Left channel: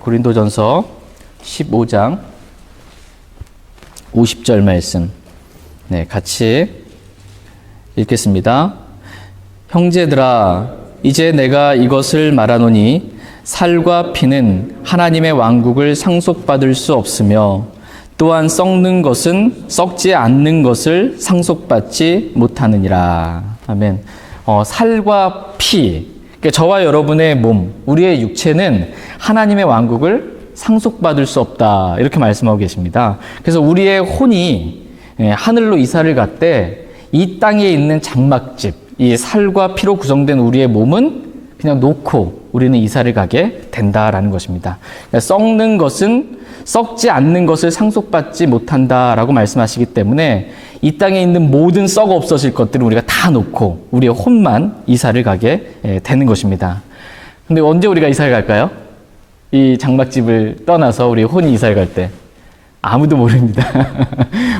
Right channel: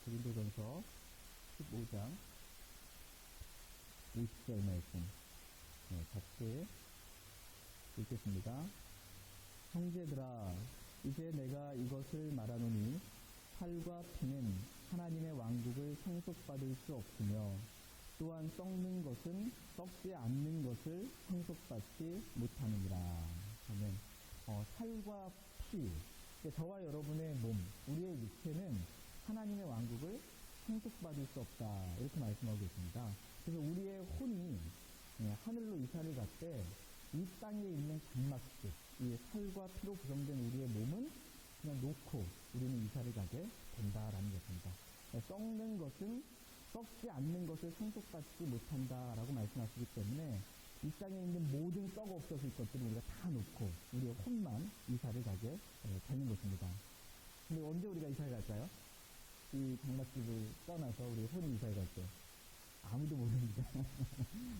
고린도전서 15장 50절 말씀 같이 읽겠습니다. 형제들아, 이제 내가 이것을 말하노니 살과 피는 하나님의 왕국을 상속받을 수 없으며 또한 썩는 것은 썩지 않는 것을 상속받지 못하느니라. 아멘. 살과 피, 그러니까 저와 여러분의 몸, 우리의 육체는 하나님의 왕국을 상속받을 수 없다, 이렇게 말씀하고 계십니다. 그래서 우리의 혼이 하늘로 이사를 갔대 이 땅에 있는 장막집, 이 살과 피로 구성된 우리의 몸은 그냥 놓고 우리는 이사를 가게 된다라는 것입니다. 그러니까 썩는 것은 썩지 않는 것을 상속받지 못한다라고 말씀하시기 때문에 이 땅에 있는 모든 썩어 없어질 것들을 우리가 다 놓고 우리의 혼만 이사를 가게 되는 것입니다. 근데 언제 우리가 이사를 갈까요? 이 장막집을 떠나서 우리 혼이 이사를 갈 때 아무도 모릅니다.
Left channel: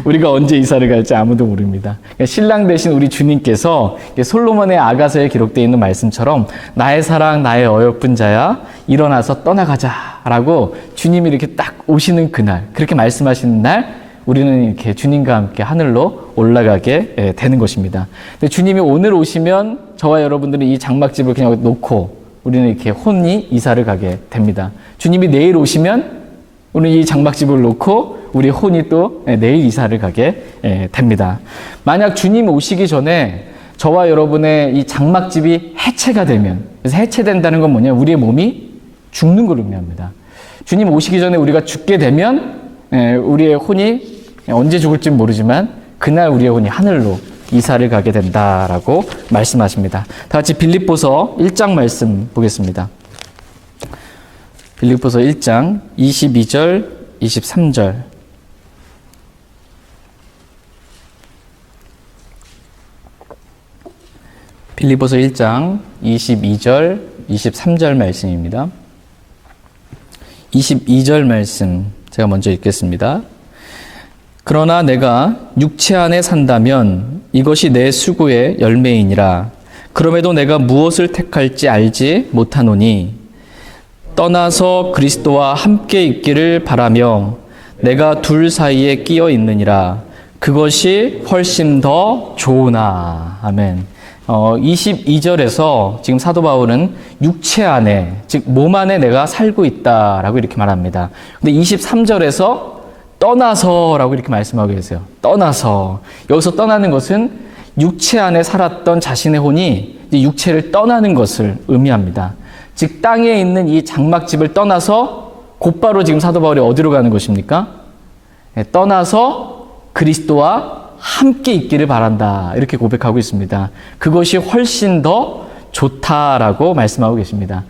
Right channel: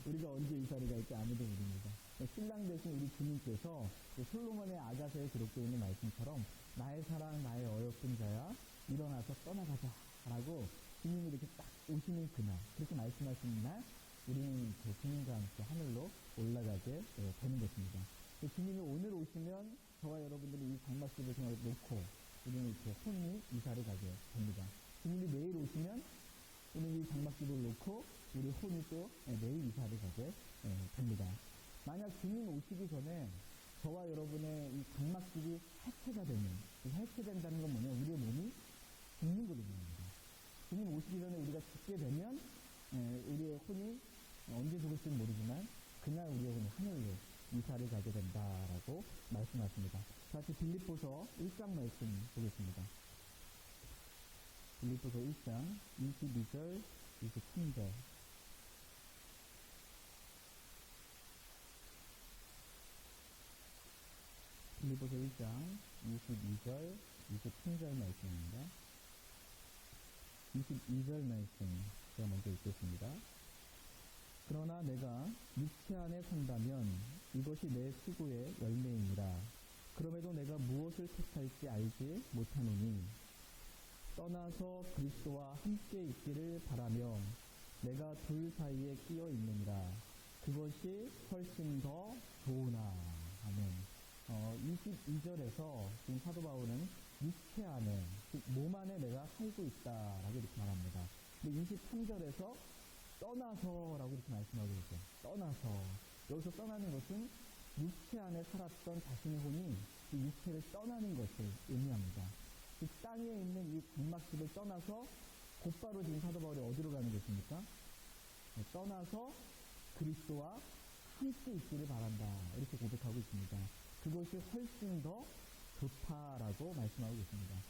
우리가 언제 이사를 갈지 아무도 모릅니다. 그러니까 신랑 되신 우리 주님께서 솔로몬의 아가서에 기록되어 있는 말씀처럼 나의 사랑, 나의 어여쁜 자야, 일어나서 떠나가자라고 주님이 이렇게 딱 오시는 그날, 그렇게 말씀하시는 날 우리는 이렇게 주님과 함께 하늘로 올라가게 되는 것입니다. 근데 주님이 오늘 오시면 저와 여러분들은 이 장막집을 그냥 놓고 우리는 이렇게 혼이 이사를 가게 됩니다. 주님이 내일 오시면 우리는 이 장막집을 놓고 우리 혼이 또 내일 이사를 가게 됩니다. 만약 주님 오시기 전에 저와 여러분의 이 장막집이 해체가 되면, 그래서 해체된다는 건 뭐냐? 우리의 몸이 죽는 걸 의미합니다. 주님 오시기 전에 우리가 죽게 되면 우리의 혼이 언제 죽을지 모르지만 그날 우리의 혼이 하늘로 이사를 가게 된다라고 말씀하십니다. 다 같이 빌립보서 1장 말씀 보겠습니다. 빌립보서 1장 22절, 23절. 빌립보서 1장 22절, 23절 말씀입니다. 22절 말씀 제가 먼저 읽겠습니다. 그러나 내가 육체 안에 산다면 이것이 내 수고의 열매이니라. 그럼에도 내가 무엇을 택할지 알지 못하노니 떠나서 그리스도와 함께 있기를 바라며 내가 둘 사이에 끼어 있느니라. 그것이 훨씬 더 좋으나. 아멘. 22절에서 지금 사도 바울은 육체 안에, 즉 몸 안에 내가 살고 있다라고 이렇게 말합니다. 근데 23절에서 떠나서라고 이렇게 말씀하고 계세요. 떠나서. 여기서 떠나는 것은 육체 안에 살았던 자신의 혼이 이제 육체를 떠나는 것을 의미합니다. 즉 땅에 있는 이 장막집을 떠나서 곧바로 지금 사도 바울이 어디로 가는 것입니까? 떠나서 그리스도와 함께 있기를 바란다, 이렇게 고백하고 있습니다. 그것이 훨씬 더 좋다라고 말씀하고 계십니다.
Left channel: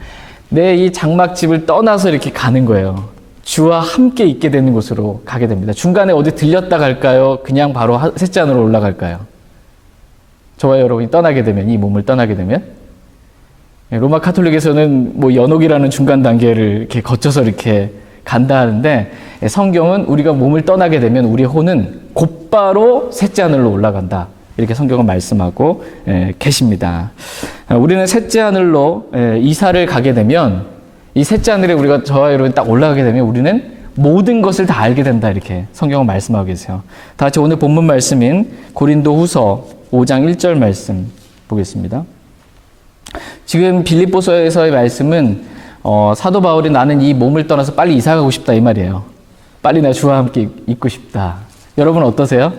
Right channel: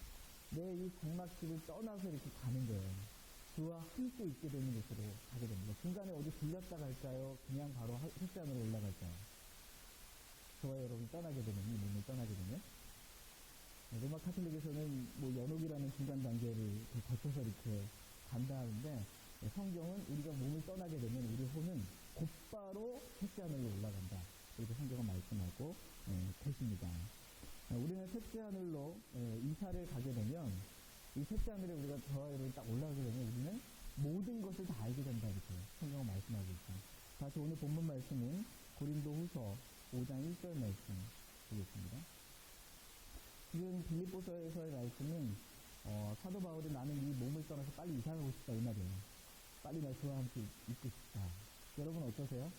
내 이 장막집을 떠나서 이렇게 가는 거예요. 주와 함께 있게 되는 곳으로 가게 됩니다. 중간에 어디 들렸다 갈까요? 그냥 바로 셋째 하늘로 올라갈까요? 저와 여러분이 떠나게 되면, 이 몸을 떠나게 되면, 로마 카톨릭에서는 뭐 연옥이라는 중간 단계를 이렇게 거쳐서 이렇게 간다 하는데, 성경은 우리가 몸을 떠나게 되면 우리 혼은 곧바로 셋째 하늘로 올라간다, 이렇게 성경은 말씀하고 계십니다. 우리는 셋째 하늘로 이사를 가게 되면, 이 셋째 하늘에 우리가 저와 여러분이 딱 올라가게 되면 우리는 모든 것을 다 알게 된다, 이렇게 성경은 말씀하고 계세요. 다 같이 오늘 본문 말씀인 고린도 후서 5장 1절 말씀 보겠습니다. 지금 빌립보서에서의 말씀은 사도 바울이 나는 이 몸을 떠나서 빨리 이사 가고 싶다, 이 말이에요. 빨리 나 주와 함께 있고 싶다. 여러분 어떠세요?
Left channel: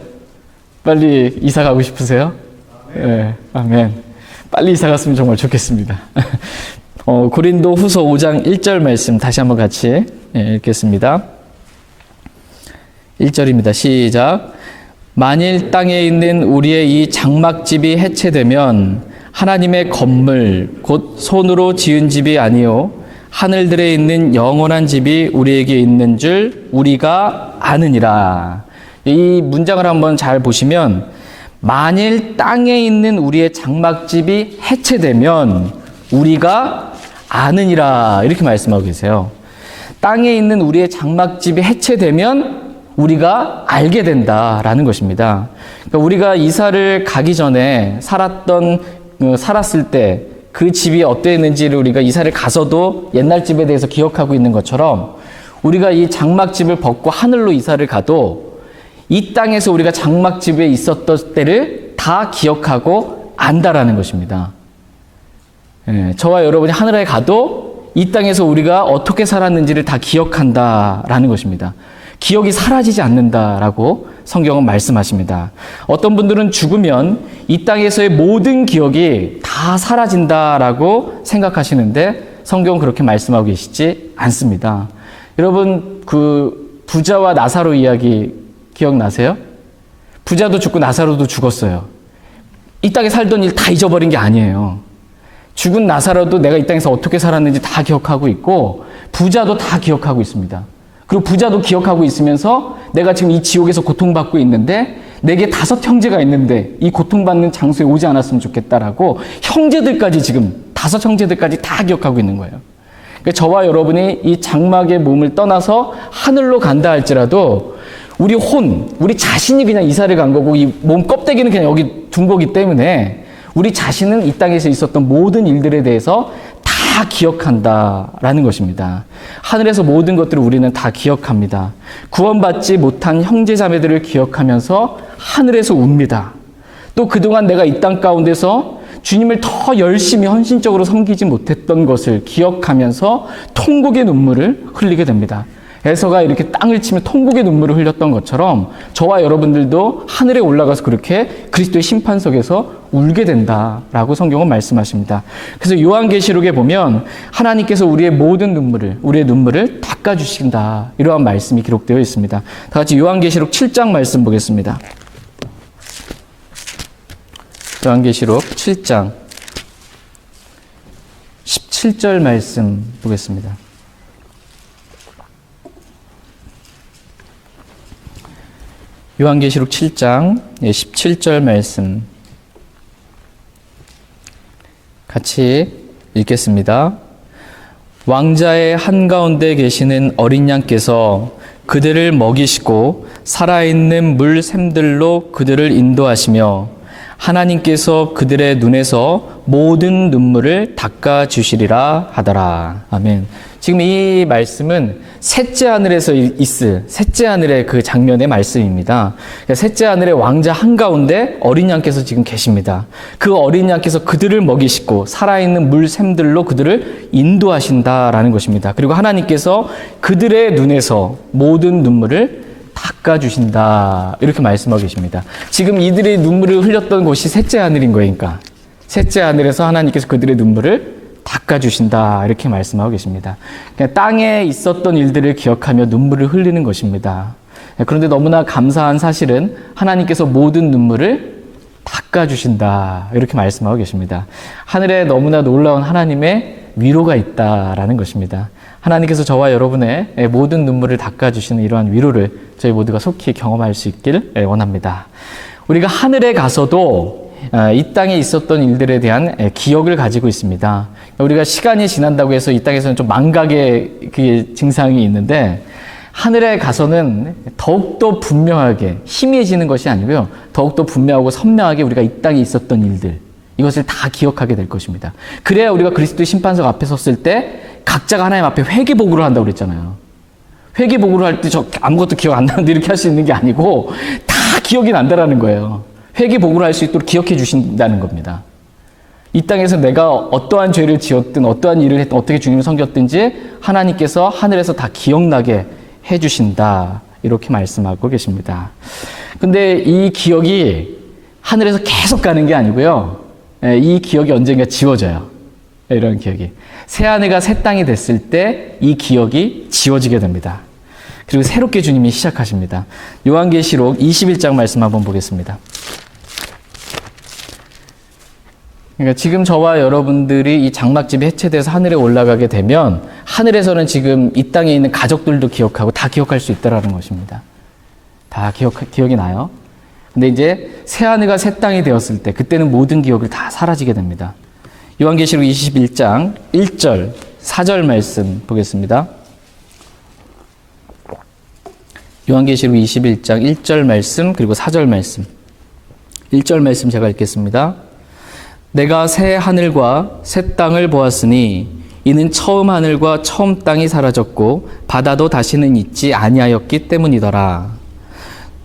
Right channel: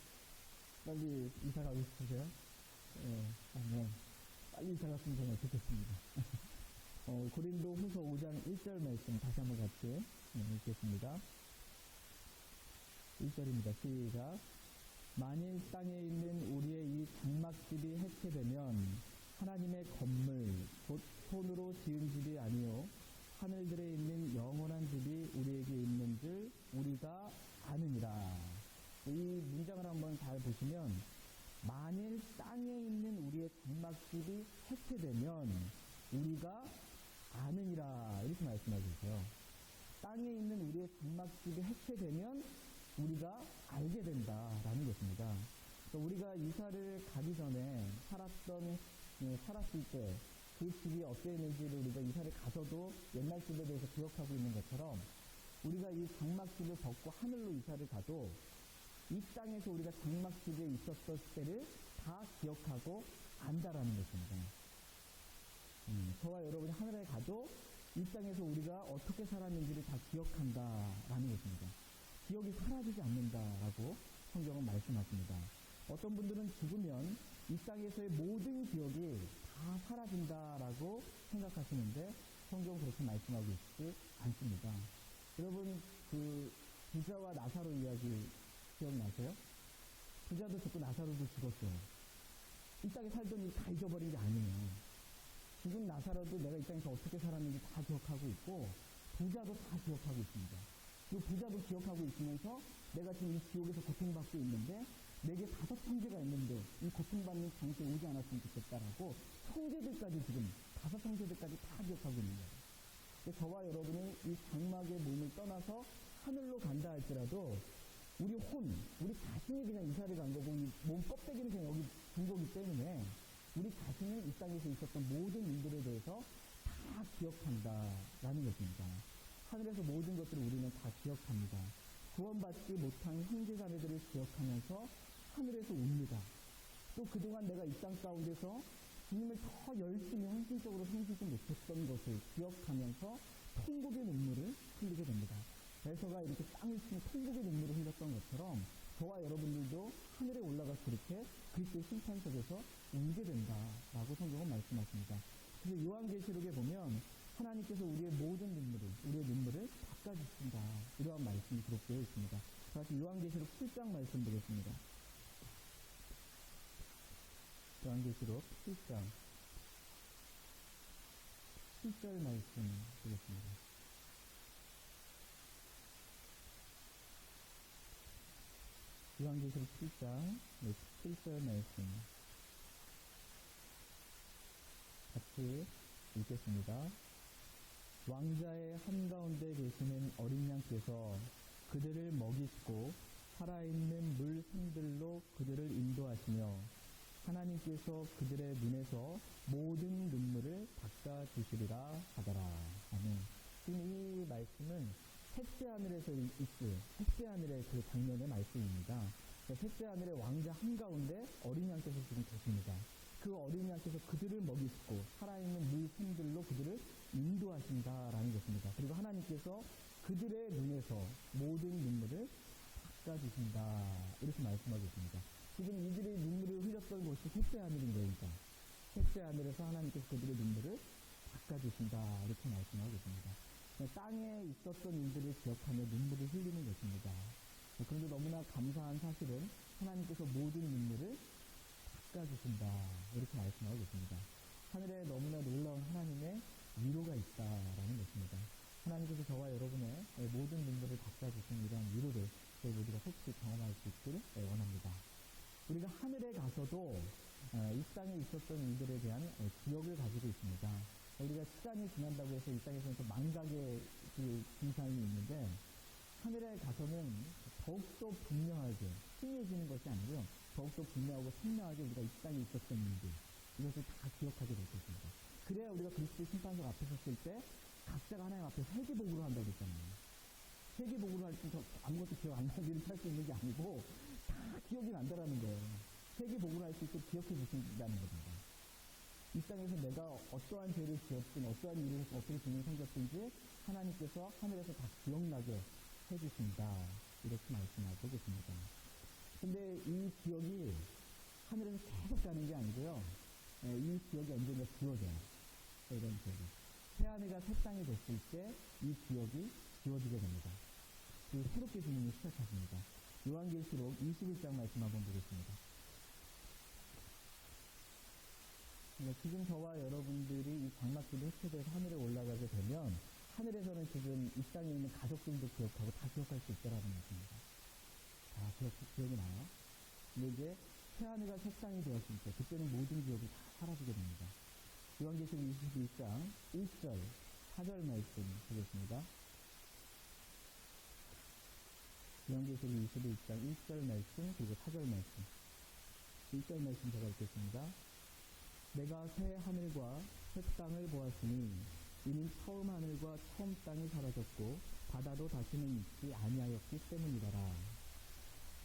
빨리 이사 가고 싶으세요? 네, 아멘. 빨리 이사 갔으면 정말 좋겠습니다. 고린도 후서 5장 1절 말씀 다시 한번 같이 읽겠습니다. 1절입니다. 시작. 만일 땅에 있는 우리의 이 장막집이 해체되면 하나님의 건물 곧 손으로 지은 집이 아니요 하늘들에 있는 영원한 집이 우리에게 있는 줄 우리가 아느니라. 이 문장을 한번 잘 보시면 만일 땅에 있는 우리의 장막집이 해체되면 우리가 아느니라, 이렇게 말씀하고 계세요. 땅에 있는 우리의 장막집이 해체되면 우리가 알게 된다라는 것입니다. 그러니까 우리가 이사를 가기 전에 살았을 때 그 집이 어땠는지를 우리가 이사를 가서도 옛날 집에 대해서 기억하고 있는 것처럼 우리가 이 장막집을 벗고 하늘로 이사를 가도 이 땅에서 우리가 장막집에 있었던 때를 다 기억하고 안다라는 것입니다. 저와 여러분이 하늘에 가도 이 땅에서 우리가 어떻게 살았는지를 다 기억한다라는 것입니다. 기억이 사라지지 않는다라고 성경은 말씀하십니다. 어떤 분들은 죽으면 이 땅에서의 모든 기억이 다 사라진다라고 생각하시는데 성경은 그렇게 말씀하고 계시지 않습니다. 여러분, 그 부자와 나사로 이야기 기억나세요? 부자도 죽고 나사로도 죽었어요. 이 땅에 살던 일 다 잊어버린 게 아니에요. 죽은 나사로도 내가 이 땅에서 어떻게 살았는지 다 기억하고 있고 부자도 다 기억하고 있습니다. 그리고 부자도 기억하고 있으면서 내가 지금 이 지옥에서 고통받고 있는데 내게 5 형제가 있는데 이 고통받는 장소에 오지 않았으면 좋겠다라고 형제들까지 지금 5 형제들까지 다 기억하고 있는 거예요. 그러니까 저와 여러분이 이 장막의 몸을 떠나서 하늘로 간다 할지라도 우리 자신이 그냥 이사를 간 거고 이 몸 껍데기는 그냥 여기 둔 거기 때문에 우리 자신은 이 땅에서 있었던 모든 일들에 대해서 다 기억한다라는 것입니다. 하늘에서 모든 것들을 우리는 다 기억합니다. 구원받지 못한 형제자매들을 기억하면서 하늘에서 웁니다. 또 그동안 내가 이 땅 가운데서 주님을 더 열심히 헌신적으로 섬기지 못했던 것을 기억하면서 통곡의 눈물을 흘리게 됩니다. 에서가 이렇게 땅을 치며 통곡의 눈물을 흘렸던 것처럼 저와 여러분들도 하늘에 올라가서 그렇게 그리스도의 심판석에서 울게 된다라고 성경은 말씀하십니다. 그래서 요한계시록에 보면 하나님께서 우리의 눈물을 닦아주신다, 이러한 말씀이 기록되어 있습니다. 다 같이 요한계시록 7장 말씀 보겠습니다. 요한계시록 7장 17절 말씀 보겠습니다. 요한계시록 7장 17절 말씀 같이 읽겠습니다. 왕자의 한가운데 계시는 어린 양께서 그들을 먹이시고 살아있는 물 샘들로 그들을 인도하시며 하나님께서 그들의 눈에서 모든 눈물을 닦아주시리라 하더라. 아멘. 지금 이 말씀은 셋째 하늘에서 있을 셋째 하늘의 그 장면의 말씀입니다. 셋째 하늘의 왕자 한가운데 어린 양께서 지금 계십니다. 그 어린 양께서 그들을 먹이시고 살아있는 물 샘들로 그들을 인도하신다라는 것입니다. 그리고 하나님께서 그들의 눈에서 모든 눈물을 닦아주신다, 이렇게 말씀하고 계십니다. 지금 이들의 눈물을 흘렸던 곳이 셋째 하늘인 거니까 셋째 하늘에서 하나님께서 그들의 눈물을 닦아주신다, 이렇게 말씀하고 계십니다. 그냥 땅에 있었던 일들을 기억하며 눈물을 흘리는 것입니다. 그런데 너무나 감사한 사실은 하나님께서 모든 눈물을 닦아주신다, 이렇게 말씀하고 계십니다. 하늘에 너무나 놀라운 하나님의 위로가 있다라는 것입니다. 하나님께서 저와 여러분의 모든 눈물을 닦아주시는 이러한 위로를 저희 모두가 속히 경험할 수 있길 원합니다. 우리가 하늘에 가서도 이 땅에 있었던 일들에 대한 기억을 가지고 있습니다. 우리가 시간이 지난다고 해서 이 땅에서는 좀 망각의 그 증상이 있는데 하늘에 가서는 더욱더 분명하게 희미해지는 것이 아니고요. 더욱더 분명하고 선명하게 우리가 이 땅에 있었던 일들, 이것을 다 기억하게 될 것입니다. 그래야 우리가 그리스도의 심판석 앞에 섰을 때 각자가 하나님 앞에 회개복구를 한다고 그랬잖아요. 회개복구를 할 때 저 아무것도 기억 안 나는데 이렇게 할 수 있는 게 아니고 다 기억이 난다라는 거예요. 회개복구를 할 수 있도록 기억해 주신다는 겁니다. 이 땅에서 내가 어떠한 죄를 지었든 어떠한 일을 했든 어떻게 주님을 섬겼든지 하나님께서 하늘에서 다 기억나게 해 주신다, 이렇게 말씀하고 계십니다. 근데 이 기억이 하늘에서 계속 가는 게 아니고요. 이 기억이 언젠가 지워져요. 이런 기억이. 새하늘과 새 땅이 됐을 때 이 기억이 지워지게 됩니다. 그리고 새롭게 주님이 시작하십니다. 요한계시록 21장 말씀 한번 보겠습니다. 그러니까 지금 저와 여러분들이 이 장막집이 해체돼서 하늘에 올라가게 되면 하늘에서는 지금 이 땅에 있는 가족들도 기억하고 다 기억할 수 있다라는 것입니다. 다 기억이 나요. 근데 이제 새하늘과 새 땅이 되었을 때 그때는 모든 기억을 다 사라지게 됩니다. 요한계시록 21장 1절 4절 말씀 보겠습니다. 요한계시록 21장 1절 말씀 그리고 4절 말씀. 1절 말씀 제가 읽겠습니다. 내가 새 하늘과 새 땅을 보았으니 이는 처음 하늘과 처음 땅이 사라졌고 바다도 다시는 있지 아니하였기 때문이더라.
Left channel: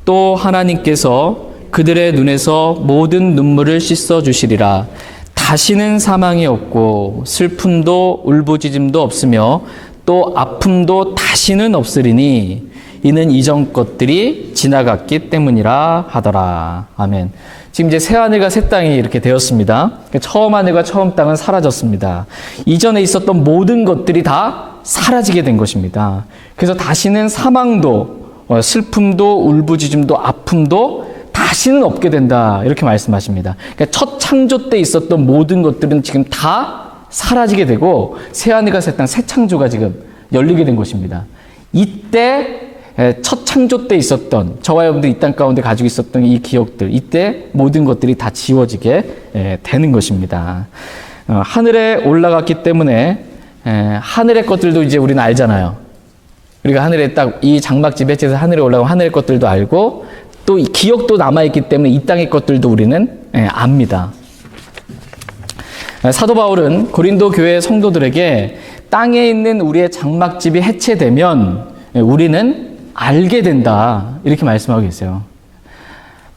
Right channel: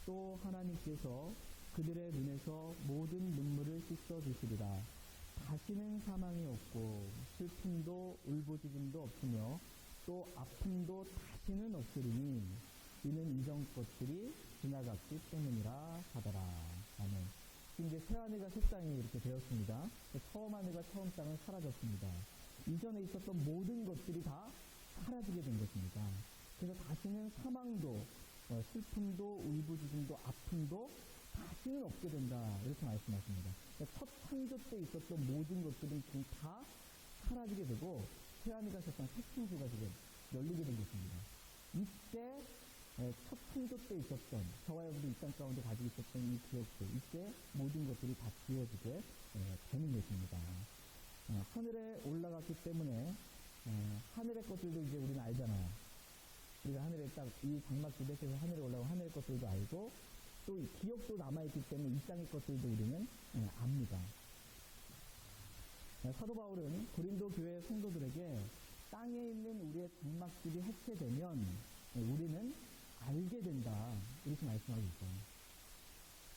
또 하나님께서 그들의 눈에서 모든 눈물을 씻어 주시리라. 다시는 사망이 없고 슬픔도 울부짖음도 없으며 또 아픔도 다시는 없으리니 이는 이전 것들이 지나갔기 때문이라 하더라. 아멘. 지금 이제 새 하늘과 새 땅이 이렇게 되었습니다. 처음 하늘과 처음 땅은 사라졌습니다. 이전에 있었던 모든 것들이 다 사라지게 된 것입니다. 그래서 다시는 사망도 슬픔도 울부짖음도 아픔도 다시는 없게 된다, 이렇게 말씀하십니다. 그러니까 첫 창조 때 있었던 모든 것들은 지금 다 사라지게 되고 새 하늘과 새 땅, 새 창조가 지금 열리게 된 것입니다. 이때 첫 창조 때 있었던, 저와 여러분들 이 땅 가운데 가지고 있었던 이 기억들, 이때 모든 것들이 다 지워지게 되는 것입니다. 하늘에 올라갔기 때문에 하늘의 것들도 이제 우리는 알잖아요. 우리가 하늘에 딱 이 장막집 해체해서 하늘에 올라가면 하늘의 것들도 알고 또 기억도 남아있기 때문에 이 땅의 것들도 우리는 압니다. 사도 바울은 고린도 교회 성도들에게 땅에 있는 우리의 장막집이 해체되면 우리는 알게 된다, 이렇게 말씀하고 계세요.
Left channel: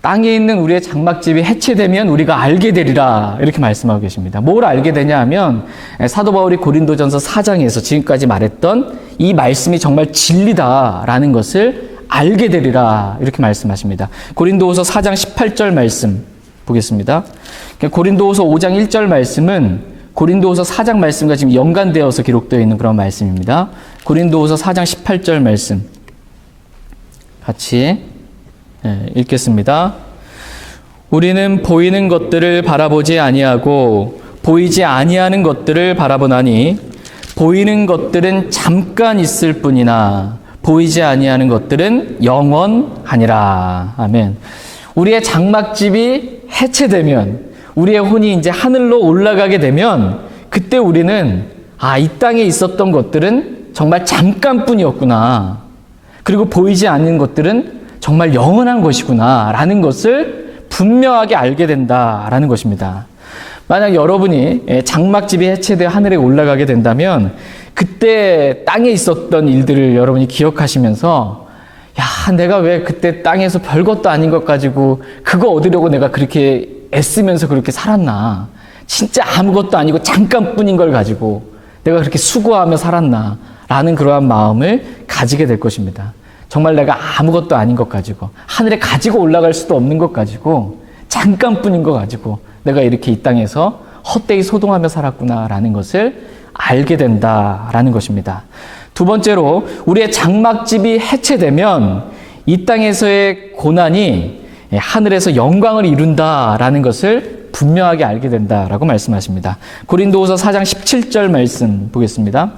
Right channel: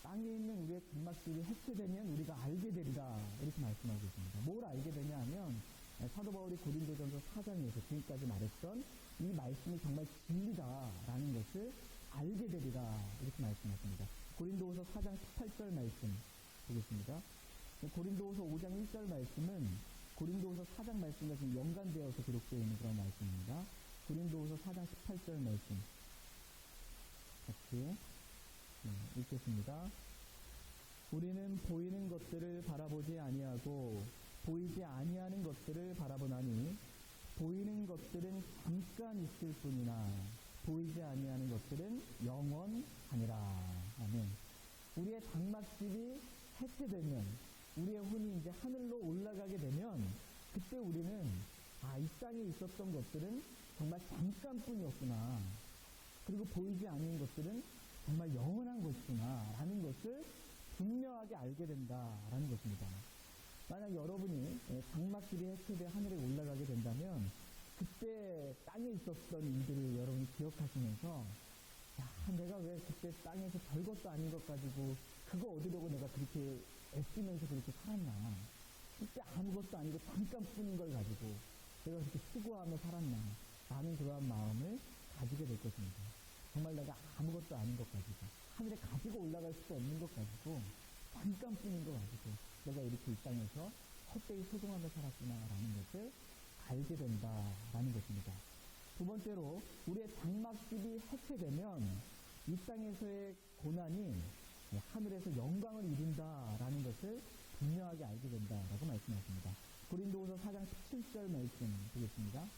땅에 있는 우리의 장막집이 해체되면 우리가 알게 되리라, 이렇게 말씀하고 계십니다. 뭘 알게 되냐 하면 사도 바울이 고린도전서 4장에서 지금까지 말했던 이 말씀이 정말 진리다라는 것을 알게 되리라, 이렇게 말씀하십니다. 고린도후서 4장 18절 말씀 보겠습니다. 고린도후서 5장 1절 말씀은 고린도후서 4장 말씀과 지금 연관되어서 기록되어 있는 그런 말씀입니다. 고린도후서 4장 18절 말씀 같이 읽겠습니다. 우리는 보이는 것들을 바라보지 아니하고 보이지 아니하는 것들을 바라보나니 보이는 것들은 잠깐 있을 뿐이나 보이지 아니하는 것들은 영원하니라. 아멘. 우리의 장막집이 해체되면, 우리의 혼이 이제 하늘로 올라가게 되면 그때 우리는 이 땅에 있었던 것들은 정말 잠깐뿐이었구나. 그리고 보이지 않는 것들은 정말 영원한 것이구나 라는 것을 분명하게 알게 된다라는 것입니다. 만약 여러분이 장막집이 해체되어 하늘에 올라가게 된다면 그때 땅에 있었던 일들을 여러분이 기억하시면서 내가 왜 그때 땅에서 별것도 아닌 것 가지고 그거 얻으려고 내가 그렇게 애쓰면서 그렇게 살았나, 진짜 아무것도 아니고 잠깐뿐인 걸 가지고 내가 그렇게 수고하며 살았나 라는 그러한 마음을 가지게 될 것입니다. 정말 내가 아무것도 아닌 것 가지고, 하늘에 가지고 올라갈 수도 없는 것 가지고, 잠깐뿐인 것 가지고 내가 이렇게 이 땅에서 헛되이 소동하며 살았구나라는 것을 알게 된다라는 것입니다. 두 번째로, 우리의 장막집이 해체되면 이 땅에서의 고난이 하늘에서 영광을 이룬다라는 것을 분명하게 알게 된다라고 말씀하십니다. 고린도후서 4장 17절 말씀 보겠습니다.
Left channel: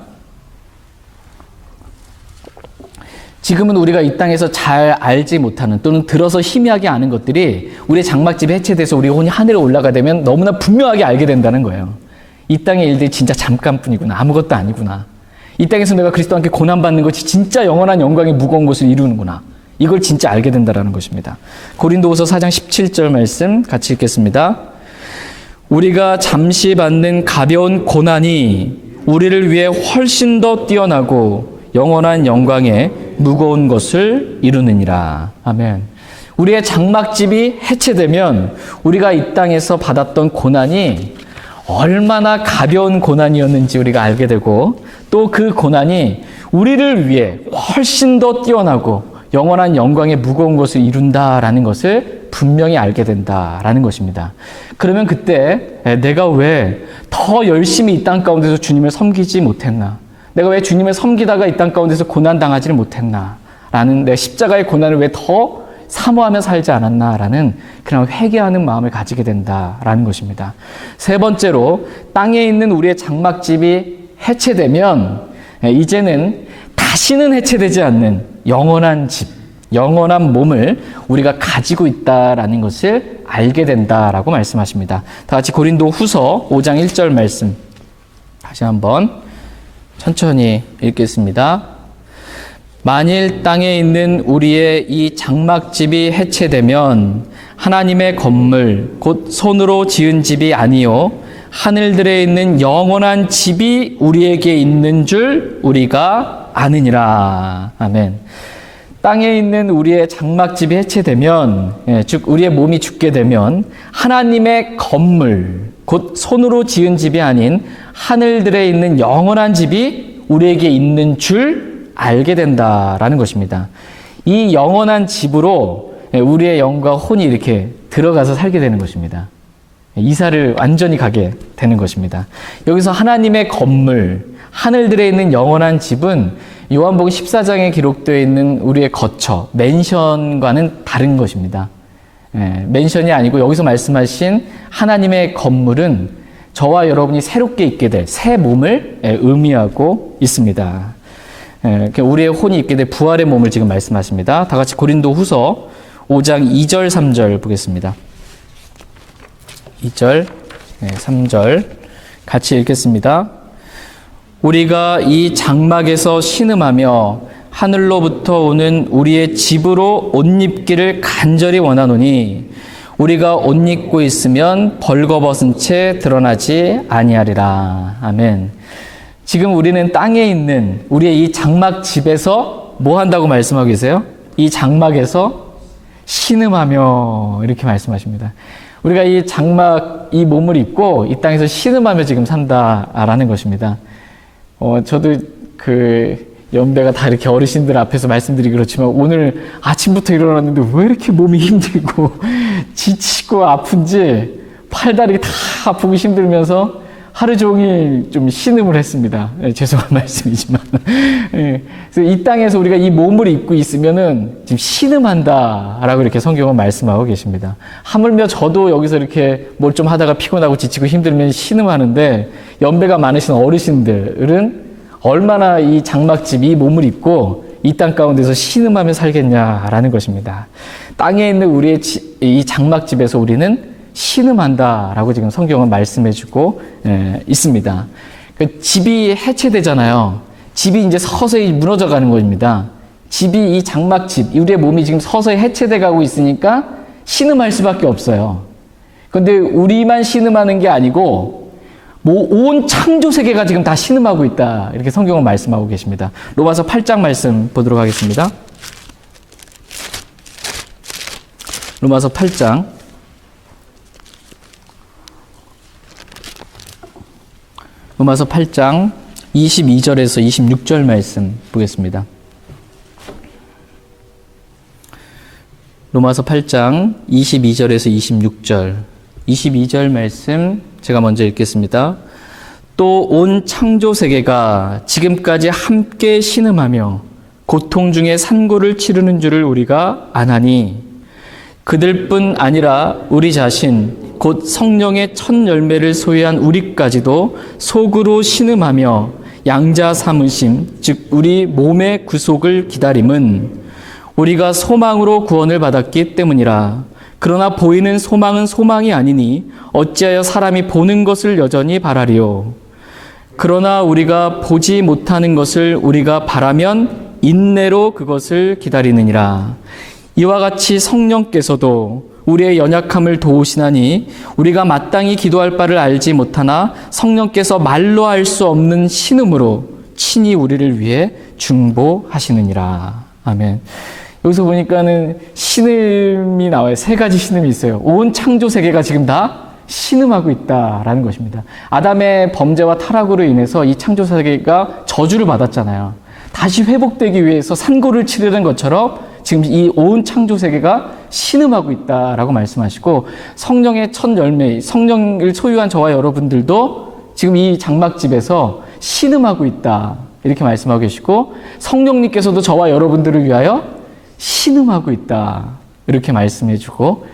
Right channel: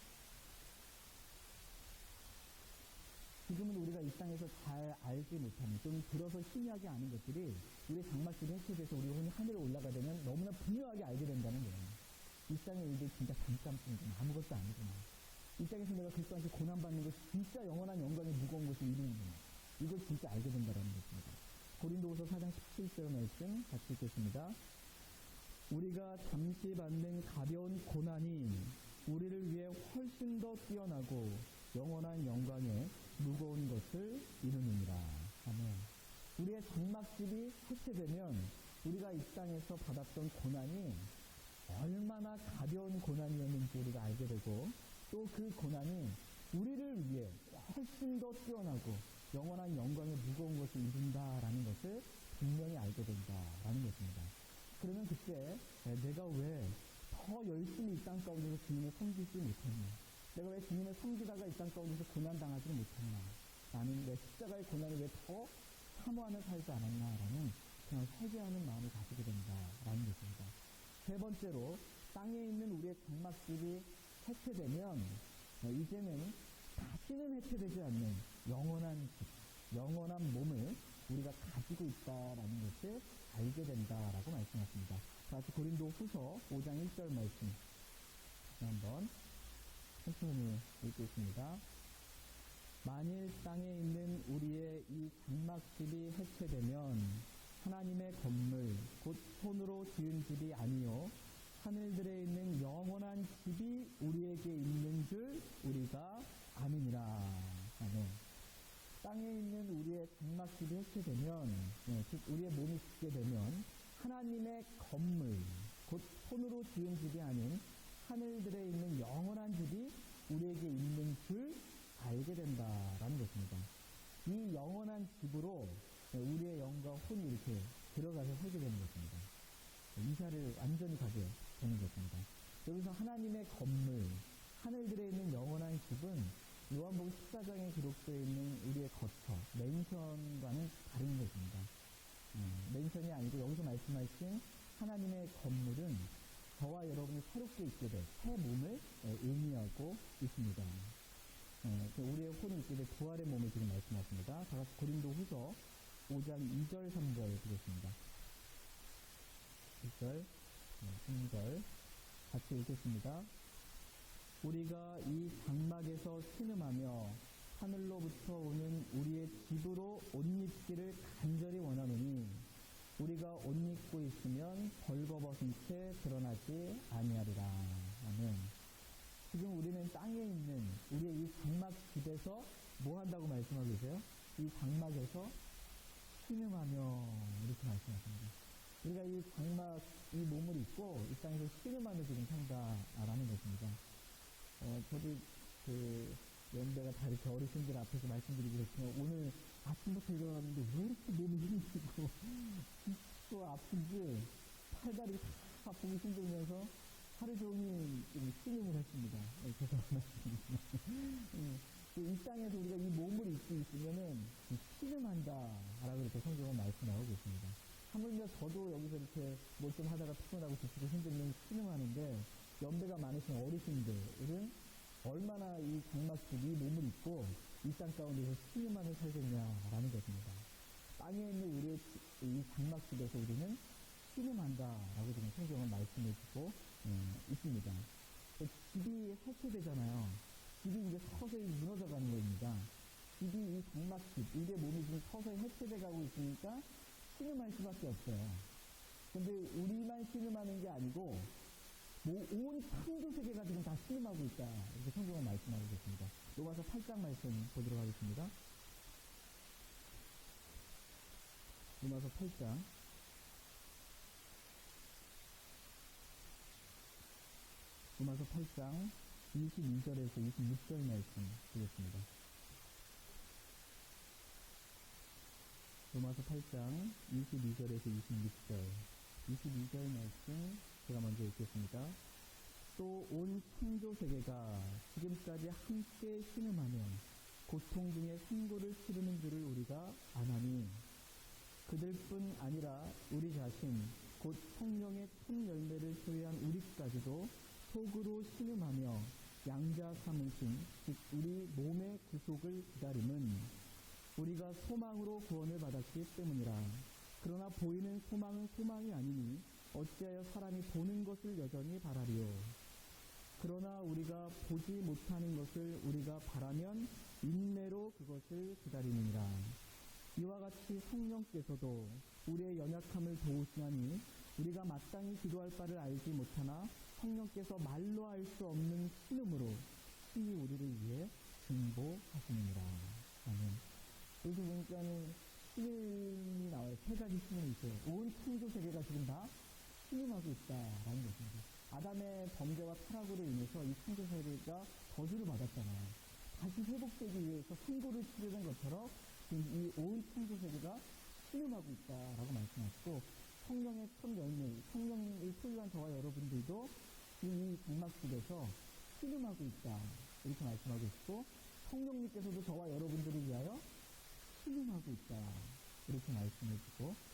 지금은 우리가 이 땅에서 잘 알지 못하는 또는 들어서 희미하게 아는 것들이 우리의 장막집이 해체돼서 우리 혼이 하늘에 올라가 되면 너무나 분명하게 알게 된다는 거예요. 이 땅의 일들이 진짜 잠깐뿐이구나, 아무것도 아니구나. 이 땅에서 내가 그리스도와 함께 고난받는 것이 진짜 영원한 영광의 무거운 것을 이루는구나. 이걸 진짜 알게 된다는 것입니다. 고린도후서 4장 17절 말씀 같이 읽겠습니다. 우리가 잠시 받는 가벼운 고난이 우리를 위해 훨씬 더 뛰어나고 영원한 영광의 무거운 것을 이루느니라. 아멘. 우리의 장막집이 해체되면 우리가 이 땅에서 받았던 고난이 얼마나 가벼운 고난이었는지 우리가 알게 되고, 또 그 고난이 우리를 위해 훨씬 더 뛰어나고 영원한 영광의 무거운 것을 이룬다라는 것을 분명히 알게 된다라는 것입니다. 그러면 그때 내가 왜 더 열심히 이 땅 가운데서 주님을 섬기지 못했나? 내가 왜 주님을 섬기다가 이 땅 가운데서 고난당하지를 못했나? 라는, 내 십자가의 고난을 왜 더 사모하며 살지 않았나라는 그런 회개하는 마음을 가지게 된다라는 것입니다. 세 번째로, 땅에 있는 우리의 장막집이 해체되면 이제는 다시는 해체되지 않는 영원한 집, 영원한 몸을 우리가 가지고 있다라는 것을 알게 된다라고 말씀하십니다. 다 같이 고린도 후서 5장 1절 말씀 다시 한번 천천히 읽겠습니다. 만일 땅에 있는 우리의 이 장막집이 해체되면 하나님의 건물 곧 손으로 지은 집이 아니요 하늘들에 있는 영원한 집이 우리에게 있는 줄 우리가 아느니라. 아멘. 땅에 있는 우리의 장막집이 해체되면, 즉 우리의 몸이 죽게 되면 하나님의 건물 곧 손으로 지은 집이 아닌 하늘들에 있는 영원한 집이 우리에게 있는 줄 알게 된다라는 것입니다. 이 영원한 집으로 우리의 영과 혼이 이렇게 들어가서 살게 되는 것입니다. 이사를 완전히 가게 되는 것입니다. 여기서 하나님의 건물, 하늘들에 있는 영원한 집은 요한복음 14장에 기록되어 있는 우리의 거처, 맨션과는 다른 것입니다. 맨션이 아니고 여기서 말씀하신 하나님의 건물은 저와 여러분이 새롭게 있게 될 새 몸을 의미하고 있습니다. 우리의 혼이 있게 될 부활의 몸을 지금 말씀하십니다. 다 같이 고린도 후서 5장 2절 3절 보겠습니다. 2절 3절 같이 읽겠습니다. 우리가 이 장막에서 신음하며 하늘로부터 오는 우리의 집으로 옷 입기를 간절히 원하노니 우리가 옷 입고 있으면 벌거벗은 채 드러나지 아니하리라. 아멘. 지금 우리는 땅에 있는 우리의 이 장막 집에서 뭐 한다고 말씀하고 계세요? 이 장막에서 신음하며 이렇게 말씀하십니다. 우리가 이 장막, 이 몸을 입고 이 땅에서 신음하며 지금 산다라는 것입니다. 저도 연배가 다 이렇게 어르신들 앞에서 말씀드리기 그렇지만 오늘 아침부터 일어났는데 왜 이렇게 몸이 힘들고 지치고 아픈지 팔다리 다 아프고 힘들면서 하루 종일 좀 신음을 했습니다. 죄송한 말씀이지만. 그래서 이 땅에서 우리가 이 몸을 입고 있으면은 지금 신음한다라고 이렇게 성경은 말씀하고 계십니다. 하물며 저도 여기서 이렇게 뭘 좀 하다가 피곤하고 지치고 힘들면 신음하는데 연배가 많으신 어르신들은 얼마나 이 장막집, 이 몸을 입고 이 땅 가운데서 신음하며 살겠냐라는 것입니다. 땅에 있는 우리의 이 장막집에서 우리는 신음한다라고 지금 성경은 말씀해주고 있습니다. 그 집이 해체되잖아요. 집이 이제 서서히 무너져가는 것입니다. 집이 이 장막집, 우리의 몸이 지금 서서히 해체돼 가고 있으니까 신음할 수밖에 없어요. 그런데 우리만 신음하는 게 아니고 온 창조 세계가 지금 다 신음하고 있다. 이렇게 성경은 말씀하고 계십니다. 로마서 8장 말씀 보도록 하겠습니다. 로마서 8장 22절에서 26절 말씀 보겠습니다. 로마서 8장 22절에서 26절. 22절 말씀 제가 먼저 읽겠습니다. 또 온 창조 세계가 지금까지 함께 신음하며 고통 중에 산고를 치르는 줄을 우리가 아나니 그들뿐 아니라 우리 자신 곧 성령의 첫 열매를 소유한 우리까지도 속으로 신음하며 양자 삼으심 즉 우리 몸의 구속을 기다림은 우리가 소망으로 구원을 받았기 때문이라. 그러나 보이는 소망은 소망이 아니니 어찌하여 사람이 보는 것을 여전히 바라리요. 그러나 우리가 보지 못하는 것을 우리가 바라면 인내로 그것을 기다리느니라. 이와 같이 성령께서도 우리의 연약함을 도우시나니 우리가 마땅히 기도할 바를 알지 못하나 성령께서 말로 할 수 없는 신음으로 친히 우리를 위해 중보하시느니라. 아멘. 여기서 보니까는 신음이 나와요. 세 가지 신음이 있어요. 온 창조 세계가 지금 다 신음하고 있다라는 것입니다. 아담의 범죄와 타락으로 인해서 이 창조 세계가 저주를 받았잖아요. 다시 회복되기 위해서 산고를 치르는 것처럼 지금 이 온 창조 세계가 신음하고 있다라고 말씀하시고 성령의 첫 열매, 성령을 소유한 저와 여러분들도 지금 이 장막집에서 신음하고 있다 이렇게 말씀하고 계시고 성령님께서도 저와 여러분들을 위하여 신음하고 있다 이렇게 말씀해주고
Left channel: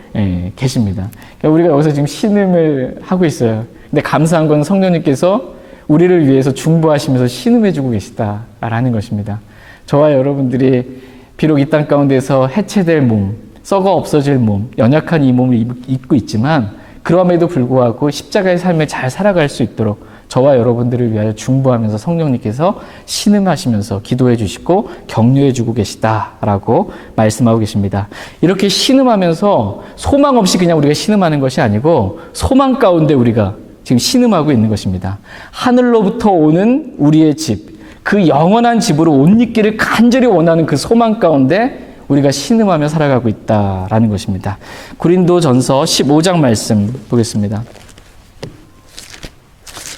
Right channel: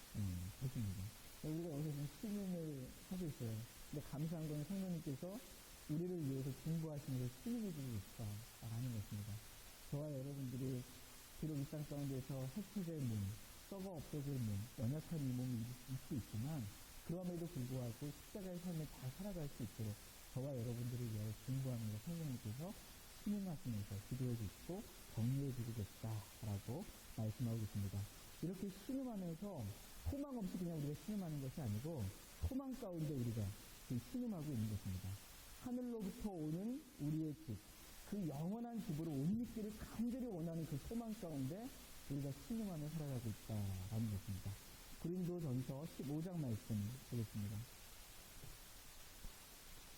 계십니다. 그러니까 우리가 여기서 지금 신음을 하고 있어요. 근데 감사한 건 성령님께서 우리를 위해서 중보하시면서 신음해주고 계시다라는 것입니다. 저와 여러분들이 비록 이 땅 가운데서 해체될 몸, 썩어 없어질 몸, 연약한 이 몸을 입고 있지만 그럼에도 불구하고 십자가의 삶을 잘 살아갈 수 있도록 저와 여러분들을 위하여 중보하면서 성령님께서 신음하시면서 기도해 주시고 격려해 주고 계시다라고 말씀하고 계십니다. 이렇게 신음하면서 소망 없이 그냥 우리가 신음하는 것이 아니고 소망 가운데 우리가 지금 신음하고 있는 것입니다. 하늘로부터 오는 우리의 집, 그 영원한 집으로 옷 입기를 간절히 원하는 그 소망 가운데 우리가 신음하며 살아가고 있다라는 것입니다. 고린도전서 15장 말씀 보겠습니다.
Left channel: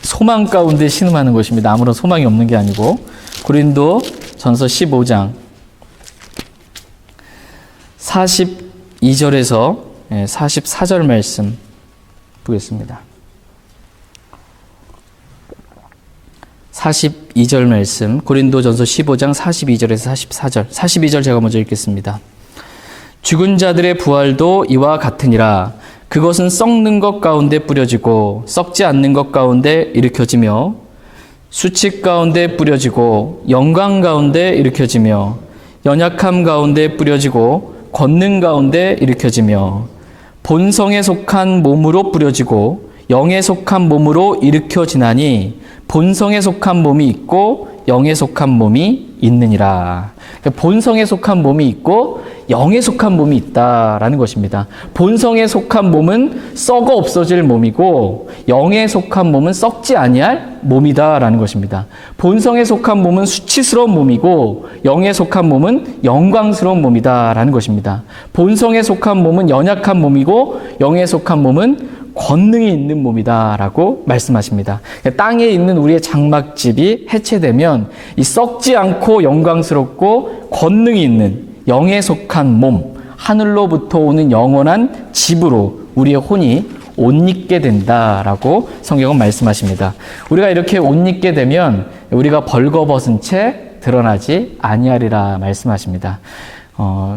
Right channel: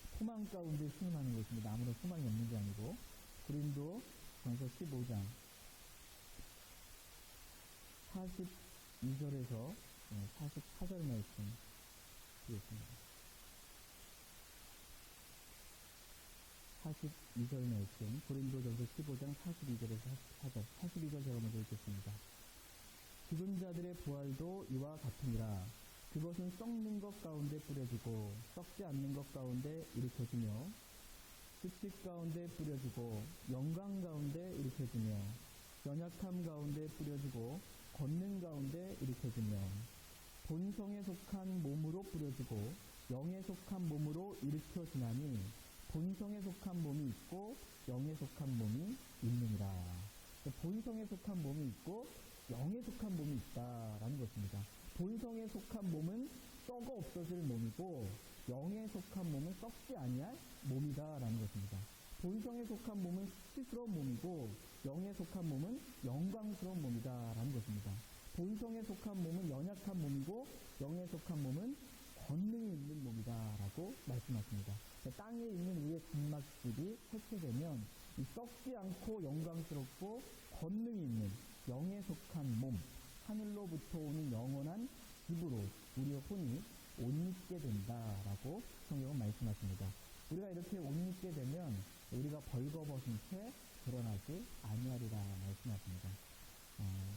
소망 가운데 신음하는 것입니다. 아무런 소망이 없는 게 아니고 고린도전서 15장 42절에서 44절 말씀 보겠습니다. 42절 말씀, 고린도전서 15장 42절에서 44절. 42절 제가 먼저 읽겠습니다. 죽은 자들의 부활도 이와 같으니라. 그것은 썩는 것 가운데 뿌려지고 썩지 않는 것 가운데 일으켜지며 수칙 가운데 뿌려지고 영광 가운데 일으켜지며 연약함 가운데 뿌려지고 권능 가운데 일으켜지며 본성에 속한 몸으로 뿌려지고 영에 속한 몸으로 일으켜지나니 본성에 속한 몸이 있고 영에 속한 몸이 있느니라. 본성에 속한 몸이 있고 영에 속한 몸이 있다라는 것입니다. 본성에 속한 몸은 썩어 없어질 몸이고 영에 속한 몸은 썩지 아니할 몸이다라는 것입니다. 본성에 속한 몸은 수치스러운 몸이고 영에 속한 몸은 영광스러운 몸이다라는 것입니다. 본성에 속한 몸은 연약한 몸이고 영에 속한 몸은 권능이 있는 몸이다라고 말씀하십니다. 땅에 있는 우리의 장막집이 해체되면 이 썩지 않고 영광스럽고 권능이 있는 영에 속한 몸, 하늘로부터 오는 영원한 집으로 우리의 혼이 옷 입게 된다라고 성경은 말씀하십니다. 우리가 이렇게 옷 입게 되면 우리가 벌거벗은 채 드러나지 아니하리라 말씀하십니다.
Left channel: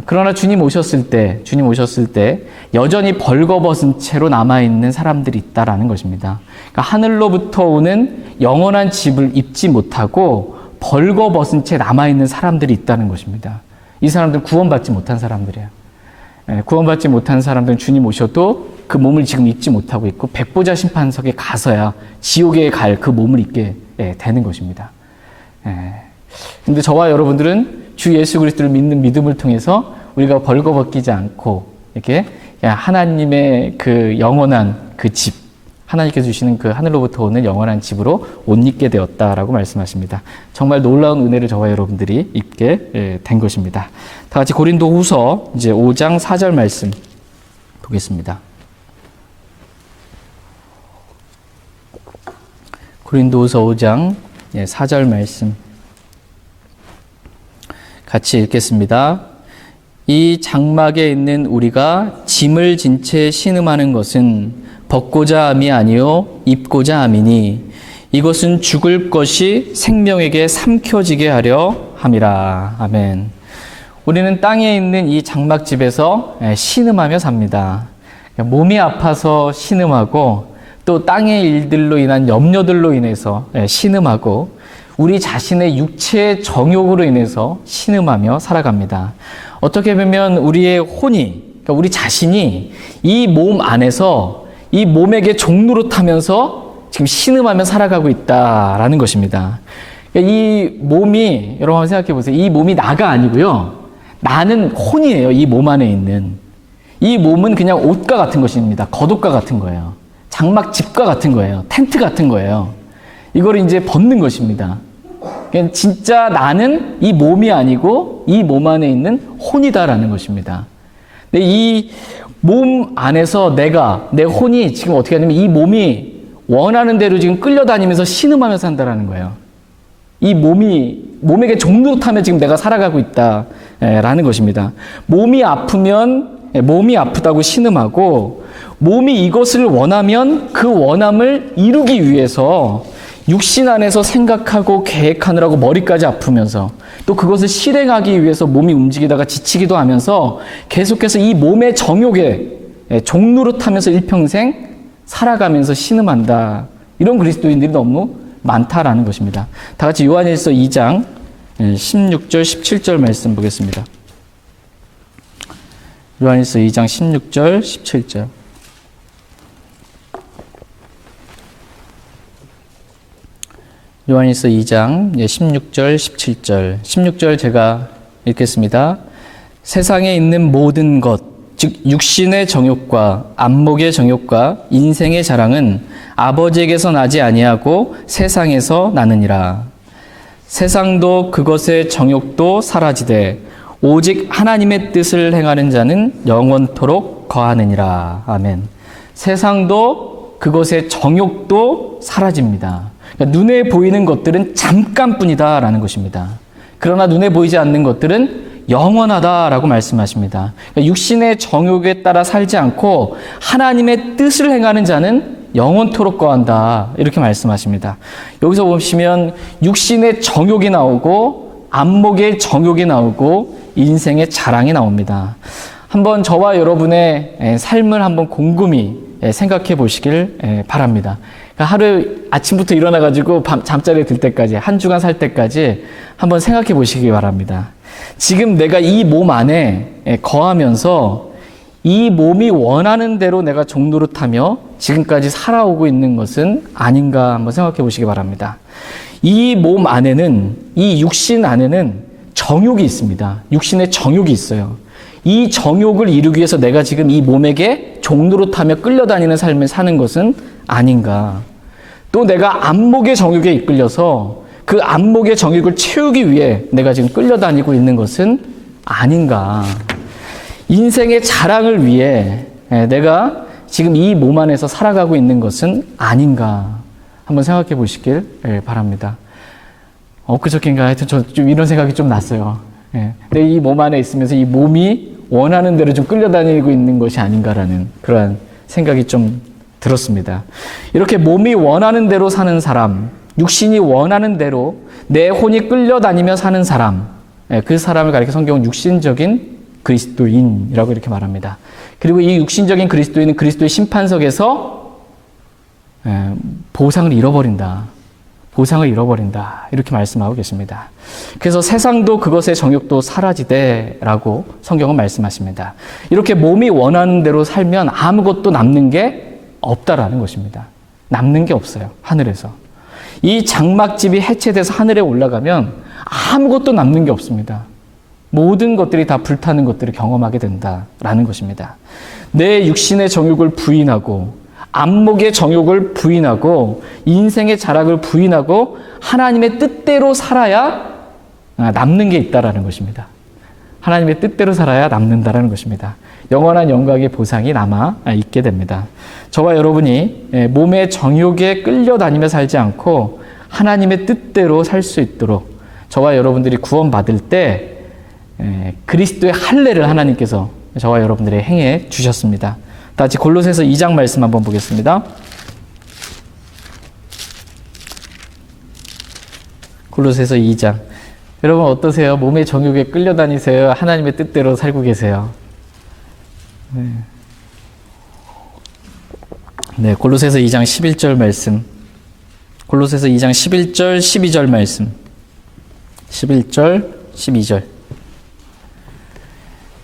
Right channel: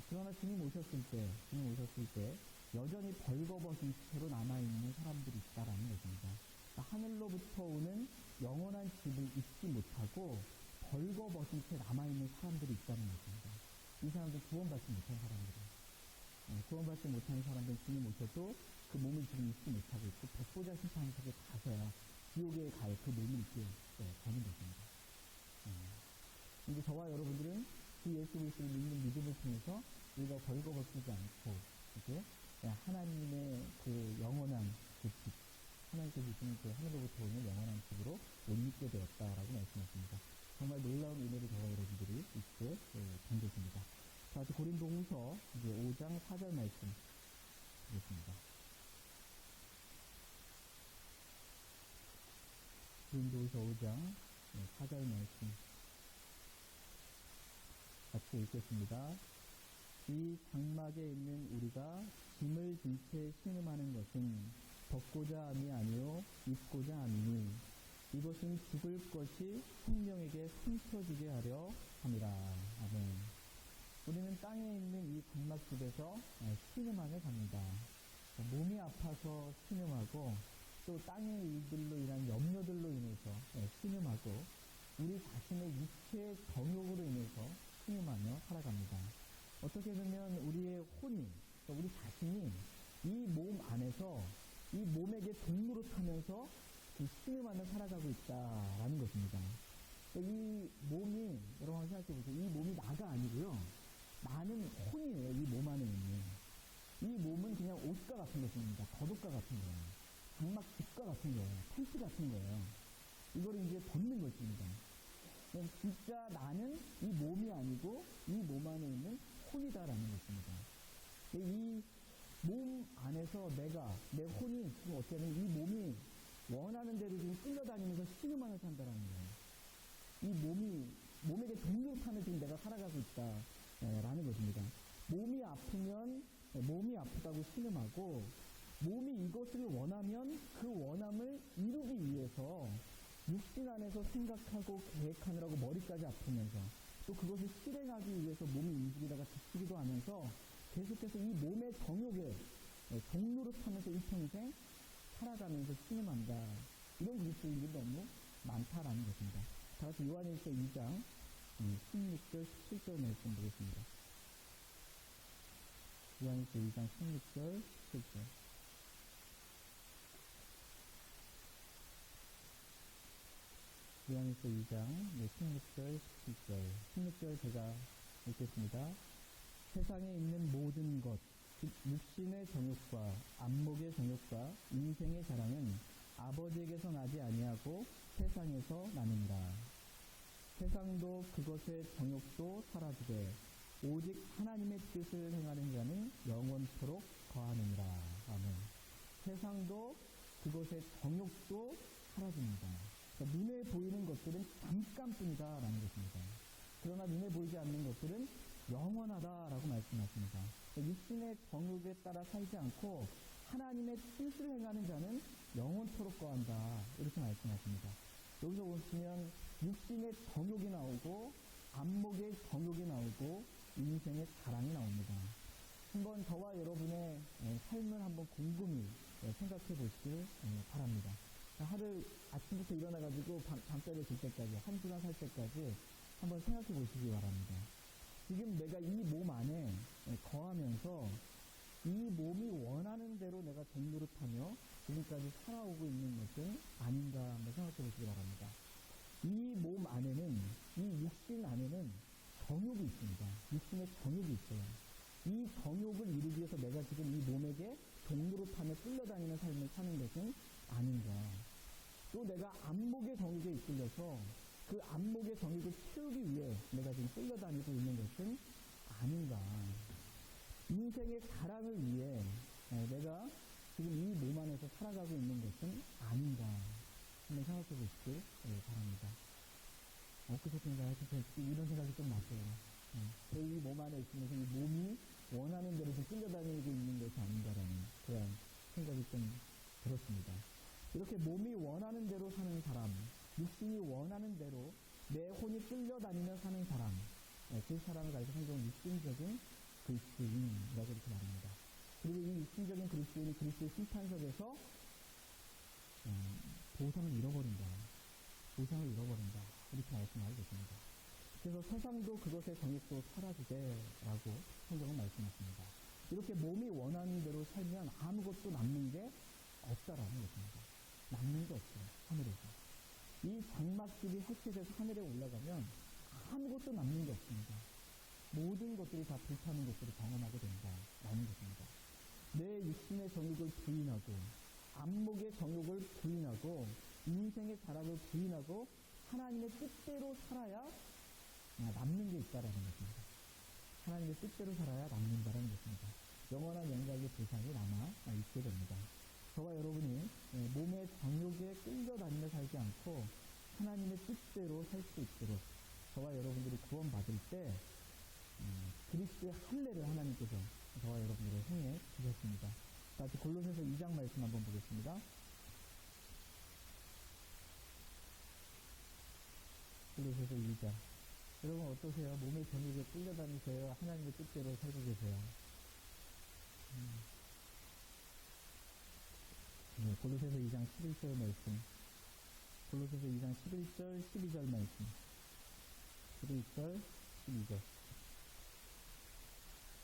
그러나 주님 오셨을 때 여전히 벌거벗은 채로 남아있는 사람들이 있다라는 것입니다. 그러니까 하늘로부터 오는 영원한 집을 입지 못하고 벌거벗은 채 남아있는 사람들이 있다는 것입니다. 이 사람들은 구원받지 못한 사람들이에요. 구원받지 못한 사람들은 주님 오셔도 그 몸을 지금 입지 못하고 있고 백보자 심판석에 가서야 지옥에 갈 그 몸을 입게 되는 것입니다. 근데 저와 여러분들은 주 예수 그리스도를 믿는 믿음을 통해서 우리가 벌거벗기지 않고 이렇게 하나님의 그 영원한 그 집, 하나님께서 주시는 그 하늘로부터 오는 영원한 집으로 옷 입게 되었다라고 말씀하십니다. 정말 놀라운 은혜를 저와 여러분들이 입게 된 것입니다. 다 같이 고린도후서 이제 5장 4절 말씀 보겠습니다. 고린도후서 5장 4절 말씀 같이 읽겠습니다. 이 장막에 있는 우리가 짐을 진 채 신음하는 것은 벗고자 함이 아니요 입고자 함이니 이것은 죽을 것이 생명에게 삼켜지게 하려 함이라. 아멘. 우리는 땅에 있는 이 장막집에서 신음하며 삽니다. 몸이 아파서 신음하고 또 땅의 일들로 인한 염려들로 인해서 신음하고 우리 자신의 육체의 정욕으로 인해서 신음하며 살아갑니다. 어떻게 보면 우리의 혼이, 그러니까 우리 자신이 이 몸 안에서 이 몸에게 종노릇하면서 지금 신음하며 살아가고 있다라는 것입니다. 그러니까 이 몸이, 여러분 한번 생각해 보세요. 이 몸이 나가 아니고요. 나는 혼이에요. 이 몸 안에 있는. 이 몸은 그냥 옷과 같은 것입니다. 겉옷과 같은 거예요. 장막집과 같은 거예요. 텐트 같은 거예요. 이걸 이제 벗는 것입니다. 그러니까 진짜 나는 이 몸이 아니고 이 몸 안에 있는 혼이다라는 것입니다. 근데 이 몸 안에서 내 혼이 지금 어떻게 하냐면 이 몸이 원하는 대로 지금 끌려다니면서 신음하며 산다라는 거예요. 이 몸에게 종노릇하며 지금 내가 살아가고 있다라는 것입니다. 몸이 아프면 몸이 아프다고 신음하고 몸이 이것을 원하면 그 원함을 이루기 위해서 육신 안에서 생각하고 계획하느라고 머리까지 아프면서 또 그것을 실행하기 위해서 몸이 움직이다가 지치기도 하면서 계속해서 이 몸의 정욕에 종노릇하면서 일평생 살아가면서 신음한다. 이런 그리스도인들이 너무 많다라는 것입니다. 다 같이 요한일서 2장 16절 17절 말씀 보겠습니다. 요한일서 2장 16절 17절 요한일서 2장 16절, 17절. 16절 제가 읽겠습니다. 세상에 있는 모든 것, 즉 육신의 정욕과 안목의 정욕과 인생의 자랑은 아버지에게서 나지 아니하고 세상에서 나느니라. 세상도 그것의 정욕도 사라지되 오직 하나님의 뜻을 행하는 자는 영원토록 거하느니라. 아멘. 세상도 그것의 정욕도 사라집니다. 그러니까 눈에 보이는 것들은 잠깐뿐이다라는 것입니다. 그러나 눈에 보이지 않는 것들은 영원하다라고 말씀하십니다. 그러니까 육신의 정욕에 따라 살지 않고 하나님의 뜻을 행하는 자는 영원토록 거한다, 이렇게 말씀하십니다. 여기서 보시면 육신의 정욕이 나오고 안목의 정욕이 나오고 인생의 자랑이 나옵니다. 한번 저와 여러분의 삶을 한번 곰곰이 생각해 보시길 바랍니다. 그러니까 하루 아침부터 일어나가지고 잠자리에 들 때까지, 한 주간 살 때까지 한번 생각해 보시기 바랍니다. 지금 내가 이 몸 안에 거하면서 이 몸이 원하는 대로 내가 종노릇하며 지금까지 살아오고 있는 것은 아닌가 한번 생각해 보시기 바랍니다. 이 몸 안에는, 이 육신 안에는 정욕이 있습니다. 육신의 정욕이 있어요. 이 정욕을 이루기 위해서 내가 지금 이 몸에게 종노릇하며 끌려다니는 삶을 사는 것은 아닌가. 또 내가 안목의 정욕에 이끌려서 그 안목의 정욕을 채우기 위해 내가 지금 끌려다니고 있는 것은 아닌가. 인생의 자랑을 위해 내가 지금 이 몸 안에서 살아가고 있는 것은 아닌가. 한번 생각해 보시길 바랍니다. 엊그저께인가 하여튼 저 좀 이런 생각이 좀 났어요. 내 이 몸 안에 있으면서 이 몸이 원하는 대로 좀 끌려다니고 있는 것이 아닌가라는 그러한 생각이 좀 들었습니다. 이렇게 몸이 원하는 대로 사는 사람, 육신이 원하는 대로 내 혼이 끌려다니며 사는 사람, 그 사람을 가리켜 성경은 육신적인 그리스도인이라고 이렇게 말합니다. 그리고 이 육신적인 그리스도인은 그리스도의 심판석에서 보상을 잃어버린다. 보상을 잃어버린다. 이렇게 말씀하고 계십니다. 그래서 세상도 그것의 정욕도 사라지되라고 성경은 말씀하십니다. 이렇게 몸이 원하는 대로 살면 아무것도 남는 게 없다라는 것입니다. 남는 게 없어요. 하늘에서. 이 장막집이 해체돼서 하늘에 올라가면 아무것도 남는 게 없습니다. 모든 것들이 다 불타는 것들을 경험하게 된다라는 것입니다. 내 육신의 정욕을 부인하고 안목의 정욕을 부인하고 인생의 자락을 부인하고 하나님의 뜻대로 살아야 남는 게 있다라는 것입니다. 하나님의 뜻대로 살아야 남는다라는 것입니다. 영원한 영광의 보상이 남아 있게 됩니다. 저와 여러분이 몸의 정욕에 끌려다니며 살지 않고 하나님의 뜻대로 살 수 있도록 저와 여러분들이 구원받을 때 그리스도의 할례를 하나님께서 저와 여러분들에게 행해 주셨습니다. 다 같이 골로새서 2장 말씀 한번 보겠습니다. 골로새서 2장. 여러분 어떠세요? 몸의 정욕에 끌려다니세요? 하나님의 뜻대로 살고 계세요? 네, 골로새서 2장 11절 말씀. 골로새서 2장 11절, 12절 말씀. 11절, 12절.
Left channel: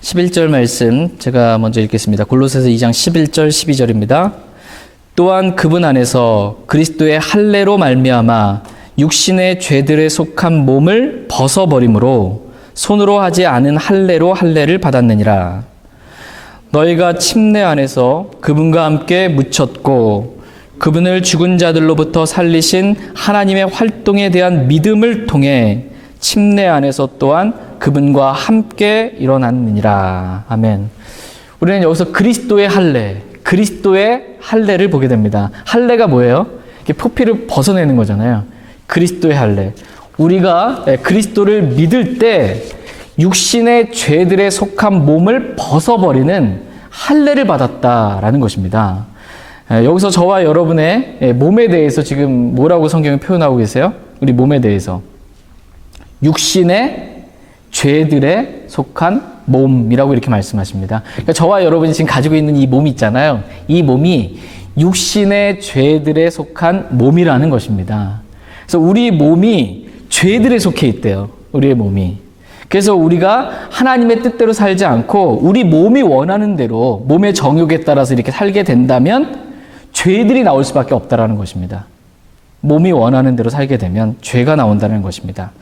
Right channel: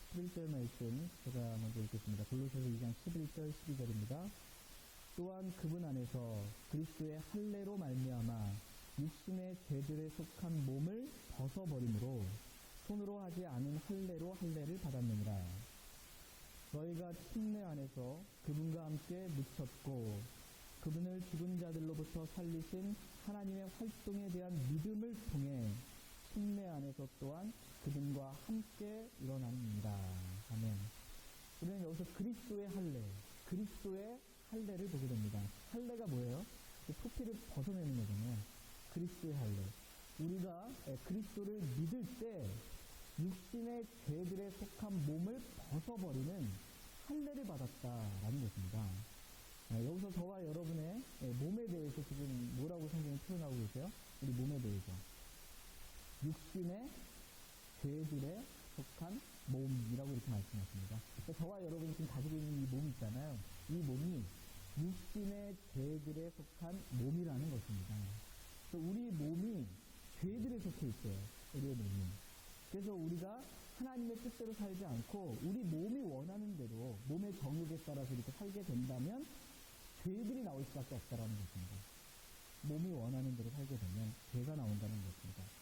11절 말씀 제가 먼저 읽겠습니다. 골로새서 2장 11절, 12절입니다. 또한 그분 안에서 그리스도의 할례로 말미암아 육신의 죄들에 속한 몸을 벗어버림으로 손으로 하지 않은 할례로 할례를 받았느니라. 너희가 침례 안에서 그분과 함께 묻혔고 그분을 죽은 자들로부터 살리신 하나님의 활동에 대한 믿음을 통해 침례 안에서 또한 그분과 함께 일어났느니라. 아멘. 우리는 여기서 그리스도의 할례, 그리스도의 할례를 보게 됩니다. 할례가 뭐예요? 이렇게 포피를 벗어내는 거잖아요. 그리스도의 할례. 우리가 그리스도를 믿을 때 육신의 죄들에 속한 몸을 벗어버리는 할례를 받았다라는 것입니다. 여기서 저와 여러분의 몸에 대해서 지금 뭐라고 성경이 표현하고 계세요? 우리 몸에 대해서. 육신의 죄들에 속한 몸이라고 이렇게 말씀하십니다. 그러니까 저와 여러분이 지금 가지고 있는 이 몸이 있잖아요. 이 몸이 육신의 죄들에 속한 몸이라는 것입니다. 그래서 우리 몸이 죄들에 속해 있대요. 우리의 몸이. 그래서 우리가 하나님의 뜻대로 살지 않고 우리 몸이 원하는 대로 몸의 정욕에 따라서 이렇게 살게 된다면 죄들이 나올 수밖에 없다라는 것입니다. 몸이 원하는 대로 살게 되면 죄가 나온다는 것입니다.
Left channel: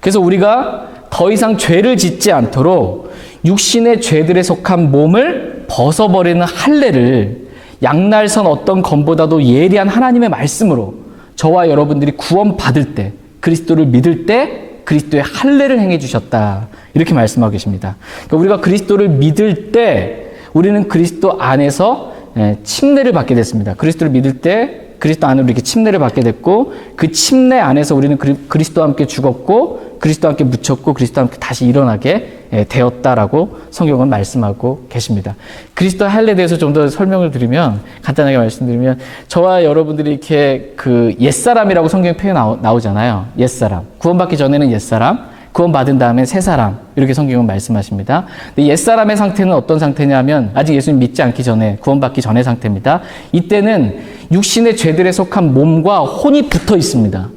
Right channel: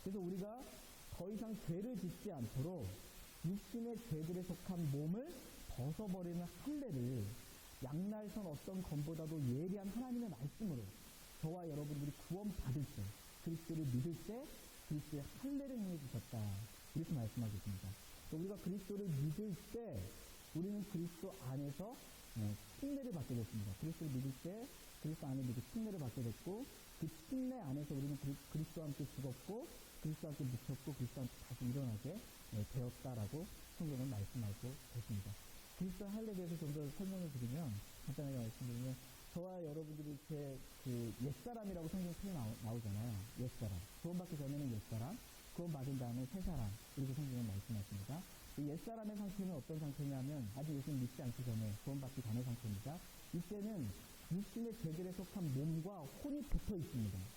그래서 우리가 더 이상 죄를 짓지 않도록 육신의 죄들에 속한 몸을 벗어버리는 할례를 양날선 어떤 검보다도 예리한 하나님의 말씀으로 저와 여러분들이 구원받을 때, 그리스도를 믿을 때 그리스도의 할례를 행해 주셨다. 이렇게 말씀하고 계십니다. 그러니까 우리가 그리스도를 믿을 때 우리는 그리스도 안에서 침례를 받게 됐습니다. 그리스도를 믿을 때 그리스도 안으로 이렇게 침례를 받게 됐고, 그 침례 안에서 우리는 그리스도와 함께 죽었고, 그리스도와 함께 묻혔고, 그리스도와 함께 다시 일어나게 되었다라고 성경은 말씀하고 계십니다. 그리스도 할례에 대해서 좀 더 설명을 드리면, 간단하게 말씀드리면, 저와 여러분들이 이렇게 그 옛사람이라고 성경 표현 나오잖아요. 옛사람. 구원받기 전에는 옛사람, 구원받은 다음에 새 사람, 이렇게 성경은 말씀하십니다. 근데 옛사람의 상태는 어떤 상태냐면 아직 예수님 믿지 않기 전에, 구원받기 전의 상태입니다. 이때는 육신의 죄들에 속한 몸과 혼이 붙어 있습니다.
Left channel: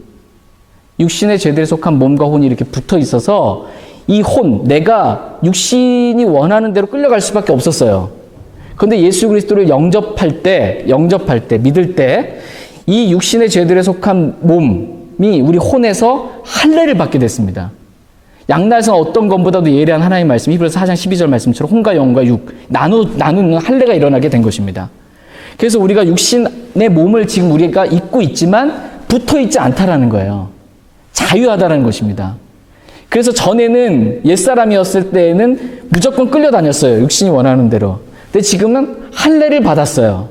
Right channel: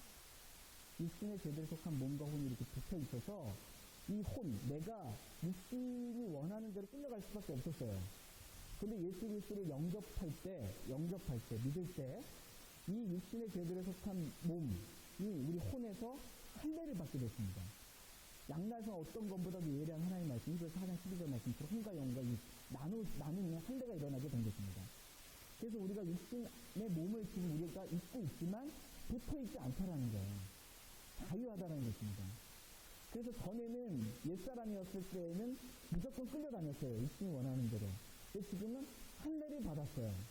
육신의 죄들에 속한 몸과 혼이 이렇게 붙어 있어서 이 혼, 내가 육신이 원하는 대로 끌려갈 수밖에 없었어요. 그런데 예수 그리스도를 영접할 때, 믿을 때 이 육신의 죄들에 속한 몸이 우리 혼에서 할례를 받게 됐습니다. 양날선 어떤 것보다도 예리한 하나님의 말씀, 히브리서 4장 12절 말씀처럼 혼과 영과 육 나누는 할례가 일어나게 된 것입니다. 그래서 우리가 육신의 몸을 지금 우리가 입고 있지만 붙어 있지 않다라는 거예요. 자유하다라는 것입니다. 그래서 전에는 옛사람이었을 때에는 무조건 끌려다녔어요. 육신이 원하는 대로. 근데 지금은 할례를 받았어요.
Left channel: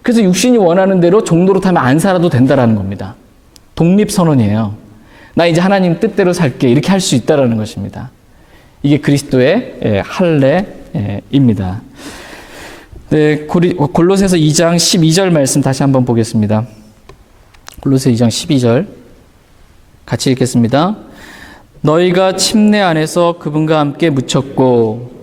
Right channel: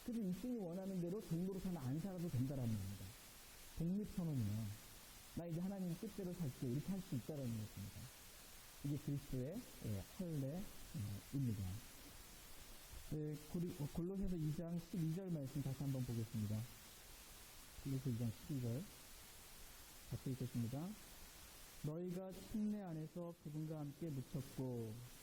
그래서 육신이 원하는 대로 종노릇하면 안 살아도 된다라는 겁니다. 독립선언이에요. 나 이제 하나님 뜻대로 살게, 이렇게 할 수 있다라는 것입니다. 이게 그리스도의 할례입니다. 네, 골로새서 2장 12절 말씀 다시 한번 보겠습니다. 골로새 2장 12절 같이 읽겠습니다. 너희가 침례 안에서 그분과 함께 묻혔고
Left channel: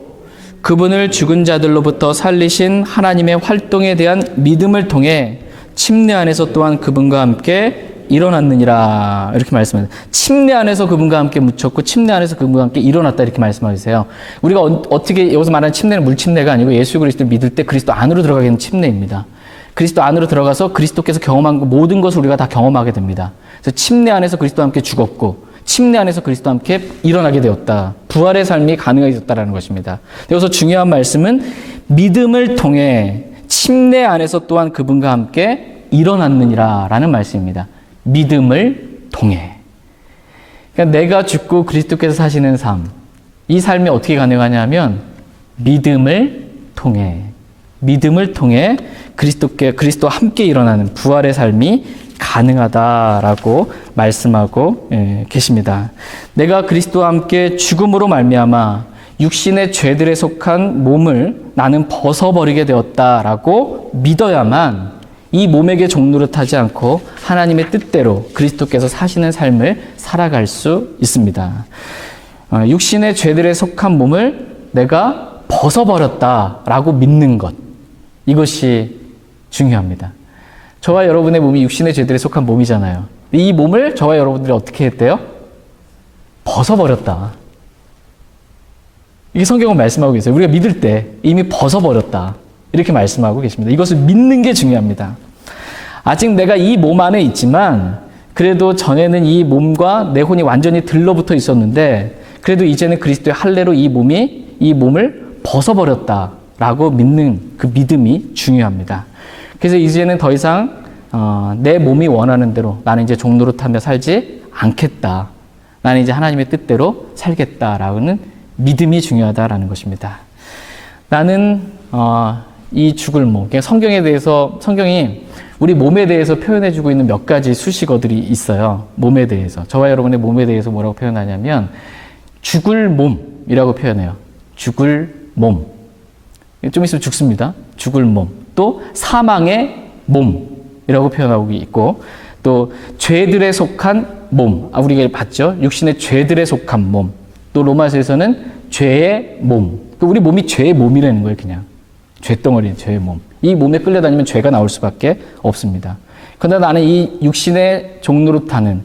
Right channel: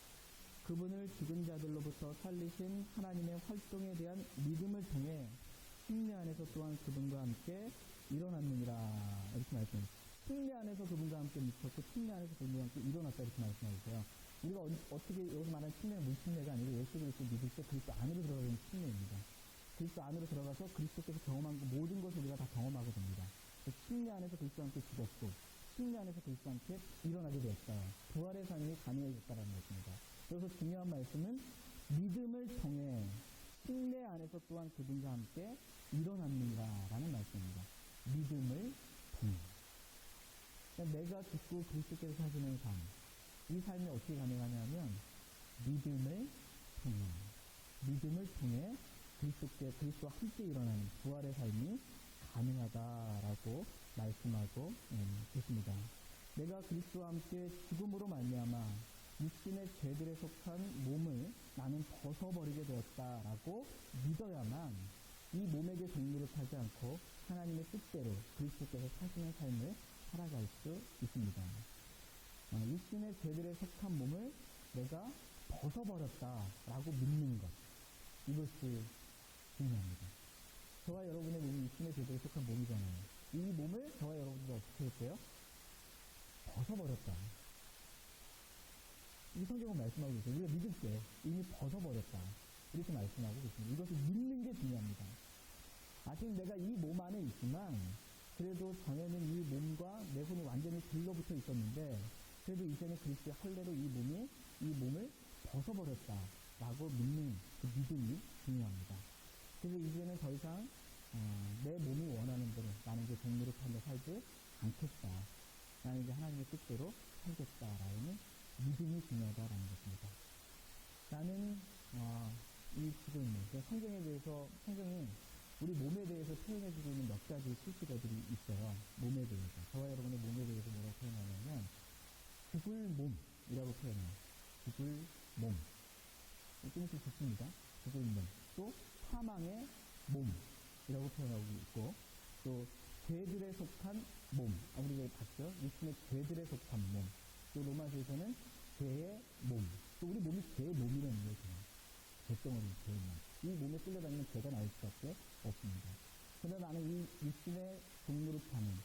그분을 죽은 자들로부터 살리신 하나님의 활동에 대한 믿음을 통해 침례 안에서 또한 그분과 함께 일어났느니라. 이렇게 말씀합니다. 침례 안에서 그분과 함께 묻혔고 침례 안에서 그분과 함께 일어났다. 이렇게 말씀하세요. 우리가 어떻게 여기서 말하는 침례는 물침례가 아니고 예수 그리스도를 믿을 때 그리스도 안으로 들어가는 침례입니다. 그리스도 안으로 들어가서 그리스도께서 경험한 모든 것을 우리가 다 경험하게 됩니다. 그래서 침례 안에서 그리스도와 함께 죽었고 침례 안에서 그리스도와 함께 일어나게 되었다. 부활의 삶이 가능해졌다는 것입니다. 여기서 중요한 말씀은 믿음을 통해 침례 안에서 또한 그분과 함께 일어났느니라 라는 말씀입니다. 믿음을 통해. 그러니까 내가 죽고 그리스도께서 사시는 삶, 이 삶이 어떻게 가능하냐면 믿음을 통해 그리스도와 함께 일어나는 부활의 삶이 가능하다라고 말씀하고 계십니다. 내가 그리스도와 함께 죽음으로 말미암아 육신의 죄들에 속한 몸을 나는 벗어버리게 되었다라고 믿어야만 이 몸에게 종노릇하지 않고 하나님의 뜻대로 그리스도께서 사시는 삶을 살아갈 수 있습니다. 육신의 죄들에 속한 몸을 내가 벗어버렸다라고 믿는 것, 이것이 중요합니다. 저와 여러분의 몸이 육신의 죄들에 속한 몸이잖아요. 이 몸을 저와 여러분들이 어떻게 했대요? 벗어버렸다. 이게 성경은 말씀하고 계세요. 우리가 믿을 때 이미 벗어버렸다. 이렇게 말씀하고 계십니다. 이것을 믿는 게 중요합니다. 아직 내가 이 몸 안에 있지만 그래도 전에는 이 몸과 내 혼이 완전히 들러붙어 있었는데 그래도 이제는 그리스도의 할례로 이 몸을 벗어버렸다라고 믿는 그 믿음이 중요합니다. 그래서 이제는 더 이상 내 몸이 원하는 대로 나는 이제 종노릇하며 살지 않겠다. 나는 이제 하나님의 뜻대로 살겠다라는 믿음이 중요하다라는 것입니다. 나는 이 죽을 몸, 성경이 우리 몸에 대해서 표현해주고 있는 몇 가지 수식어들이 있어요. 몸에 대해서. 저와 여러분의 몸에 대해서 뭐라고 표현하냐면 죽을 몸이라고 표현해요. 죽을 몸. 좀 있으면 죽습니다. 죽을 몸. 또 사망의 몸이라고 표현하고 있고 또 죄들에 속한 몸. 우리가 봤죠. 육신의 죄들에 속한 몸. 또 로마서에서는 죄의 몸. 우리 몸이 죄의 몸이라는 거예요. 그냥. 죄덩어리, 죄의 몸. 이 몸에 끌려다니면 죄가 나올 수밖에 없습니다. 그러나 나는 이 육신의 종노릇하는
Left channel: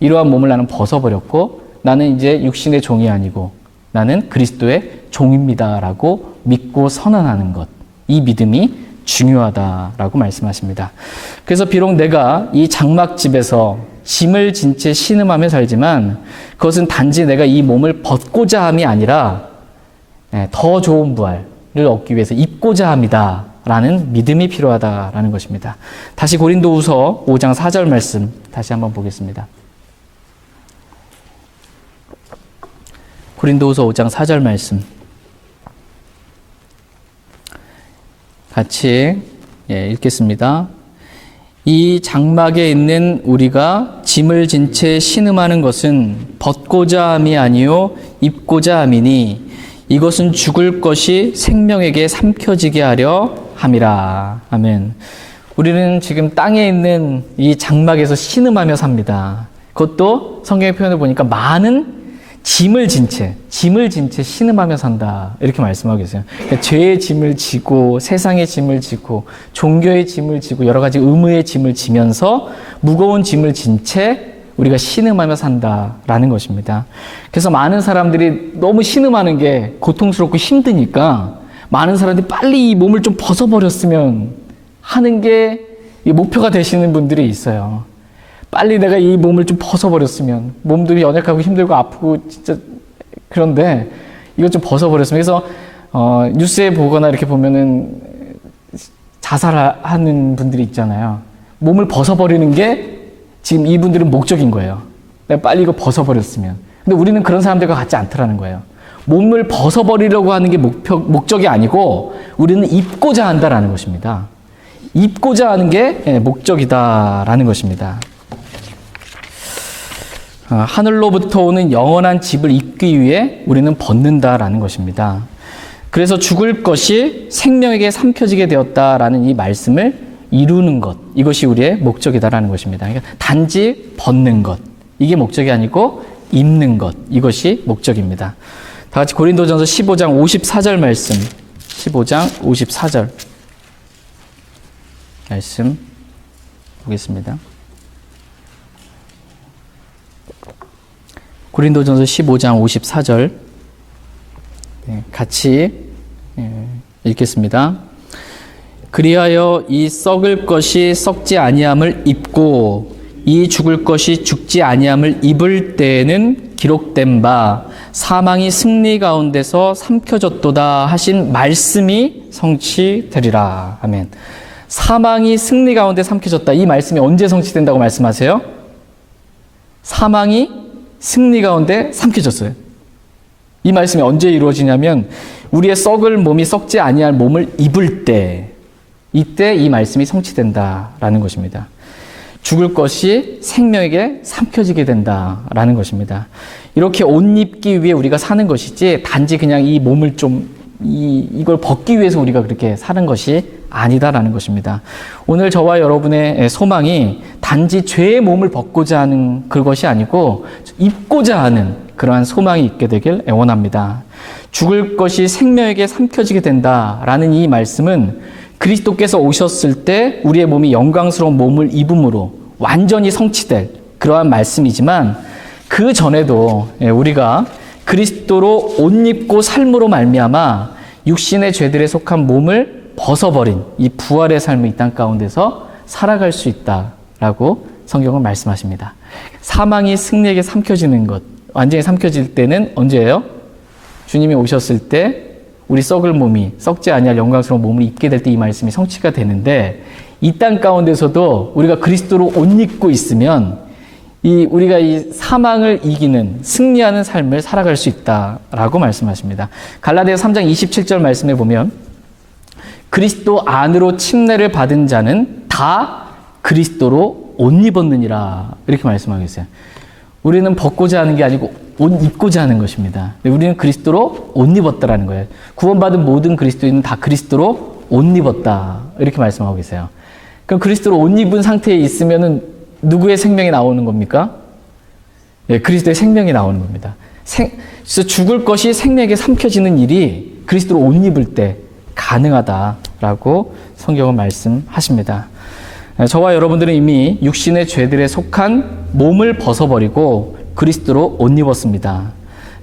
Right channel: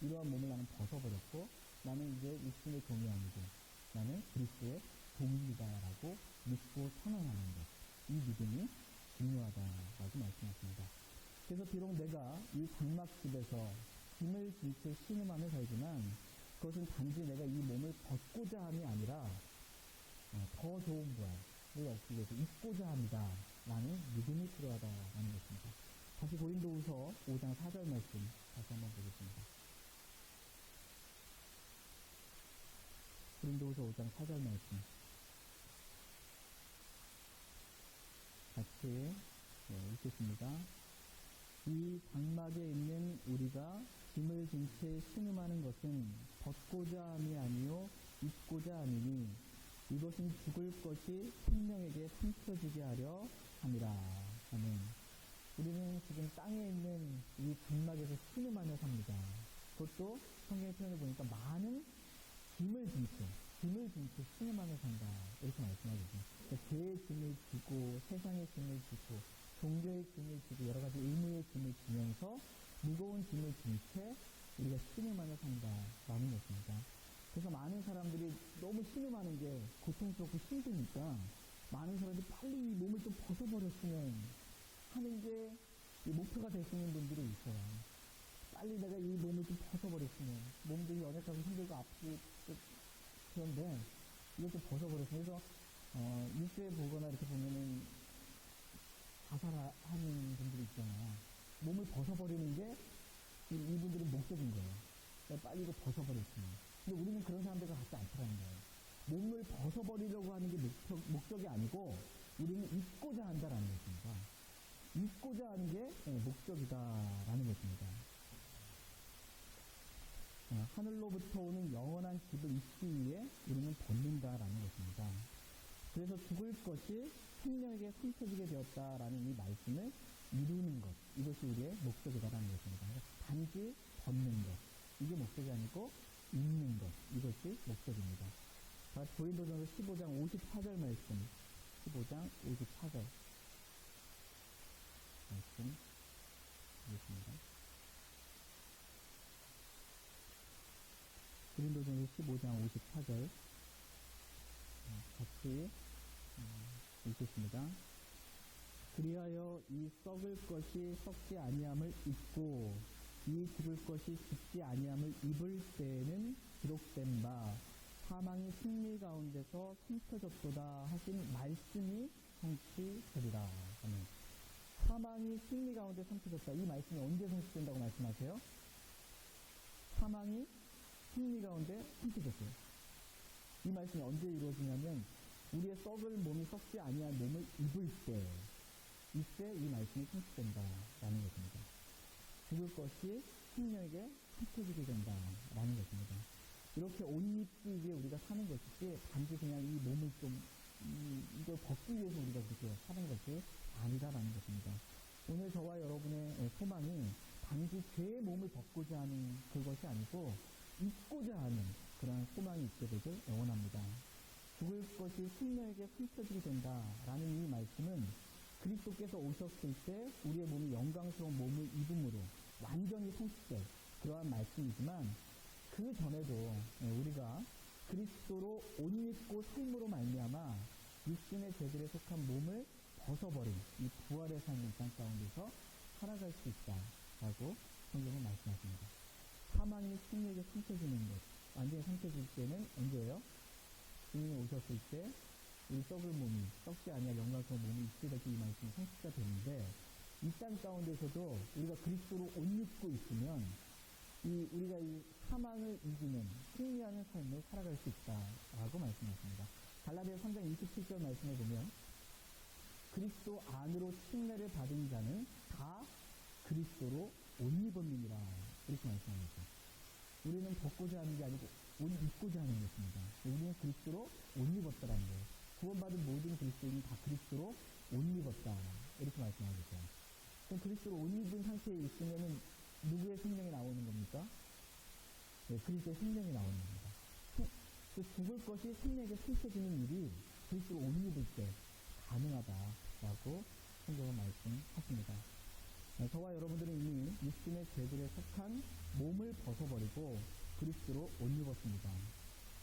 이러한 몸을 나는 벗어버렸고 나는 이제 육신의 종이 아니고 나는 그리스도의 종입니다라고 믿고 선언하는 것. 이 믿음이 중요하다라고 말씀하십니다. 그래서 비록 내가 이 장막집에서 짐을 진 채 신음하며 살지만 그것은 단지 내가 이 몸을 벗고자 함이 아니라 더 좋은 부활을 얻기 위해서 입고자 합니다 라는 믿음이 필요하다라는 것입니다. 다시 고린도후서 5장 4절 말씀 다시 한번 보겠습니다. 고린도후서 5장 4절 말씀 같이 읽겠습니다. 이 장막에 있는 우리가 짐을 진 채 신음하는 것은 벗고자 함이 아니요 입고자 함이니 이것은 죽을 것이 생명에게 삼켜지게 하려 함이라. 아멘. 우리는 지금 땅에 있는 이 장막에서 신음하며 삽니다. 그것도 성경의 표현을 보니까 많은 짐을 진 채 신음하며 산다. 이렇게 말씀하고 계세요. 그러니까 죄의 짐을 지고 세상의 짐을 지고 종교의 짐을 지고 여러 가지 의무의 짐을 지면서 무거운 짐을 진 채 우리가 신음하며 산다라는 것입니다. 그래서 많은 사람들이 너무 신음하는 게 고통스럽고 힘드니까 많은 사람들이 빨리 이 몸을 좀 벗어버렸으면 하는 게 목표가 되시는 분들이 있어요. 빨리 내가 이 몸을 좀 벗어버렸으면, 몸도 연약하고 힘들고 아프고 진짜 그런데 이것 좀 벗어버렸으면. 그래서 뉴스에 보거나 이렇게 보면은 자살하는 분들이 있잖아요. 몸을 벗어버리는 게 지금 이분들은 목적인 거예요. 내가 빨리 이거 벗어버렸으면. 근데 우리는 그런 사람들과 같지 않더라는 거예요. 몸을 벗어버리려고 하는 게 목적이 아니고 우리는 입고자 한다라는 것입니다. 입고자 하는 게 목적이다라는 것입니다. 하늘로부터 오는 영원한 집을 입기 위해 우리는 벗는다라는 것입니다. 그래서 죽을 것이 생명에게 삼켜지게 되었다라는 이 말씀을 이루는 것, 이것이 우리의 목적이다라는 것입니다. 그러니까 단지 벗는 것, 이게 목적이 아니고 입는 것, 이것이 목적입니다. 다 같이 고린도전서 15장 54절 말씀, 15장 54절 말씀 보겠습니다. 고린도전서 15장 54절 같이 읽겠습니다. 그리하여 이 썩을 것이 썩지 아니함을 입고 이 죽을 것이 죽지 아니함을 입을 때에는 기록된 바 사망이 승리 가운데서 삼켜졌도다 하신 말씀이 성취되리라. 아멘. 사망이 승리 가운데 삼켜졌다. 이 말씀이 언제 성취된다고 말씀하세요? 사망이 승리 가운데 삼켜졌어요. 이 말씀이 언제 이루어지냐면 우리의 썩을 몸이 썩지 아니할 몸을 입을 때, 이때 이 말씀이 성취된다라는 것입니다. 죽을 것이 생명에게 삼켜지게 된다라는 것입니다. 이렇게 옷 입기 위해 우리가 사는 것이지 단지 그냥 이 몸을 이걸 벗기 위해서 우리가 그렇게 사는 것이 아니다라는 것입니다. 오늘 저와 여러분의 소망이 단지 죄의 몸을 벗고자 하는 그것이 아니고 입고자 하는 그러한 소망이 있게 되길 애원합니다. 죽을 것이 생명에게 삼켜지게 된다라는 이 말씀은 그리스도께서 오셨을 때 우리의 몸이 영광스러운 몸을 입음으로 완전히 성취될 그러한 말씀이지만 그 전에도 우리가 그리스도로 옷 입고 삶으로 말미암아 육신의 죄들에 속한 몸을 벗어버린 이 부활의 삶을 이 땅 가운데서 살아갈 수 있다라고 성경은 말씀하십니다. 사망이 승리에게 삼켜지는 것, 완전히 삼켜질 때는 언제예요? 주님이 오셨을 때 우리 썩을 몸이 썩지 아니할 영광스러운 몸을 입게 될 때 이 말씀이 성취가 되는데 이 땅 가운데서도 우리가 그리스도로 옷 입고 있으면 우리가 이 사망을 이기는 승리하는 삶을 살아갈 수 있다라고 말씀하십니다. 갈라디아서 3장 27절 말씀에 보면 그리스도 안으로 침례를 받은 자는 다 그리스도로 옷 입었느니라 이렇게 말씀하고 있어요. 우리는 벗고자 하는 게 아니고 옷 입고자 하는 것입니다. 우리는 그리스도로 옷 입었다라는 거예요. 구원받은 모든 그리스도인은 다 그리스도로 옷 입었다 이렇게 말씀하고 계세요. 그럼 그리스도로 옷 입은 상태에 있으면은 누구의 생명이 나오는 겁니까? 네, 그리스도의 생명이 나오는 겁니다. 그래서 죽을 것이 생명에게 삼켜지는 일이 그리스도로 옷 입을 때 가능하다라고 성경은 말씀하십니다. 저와 여러분들은 이미 육신의 죄들에 속한 몸을 벗어버리고 그리스도로 옷 입었습니다.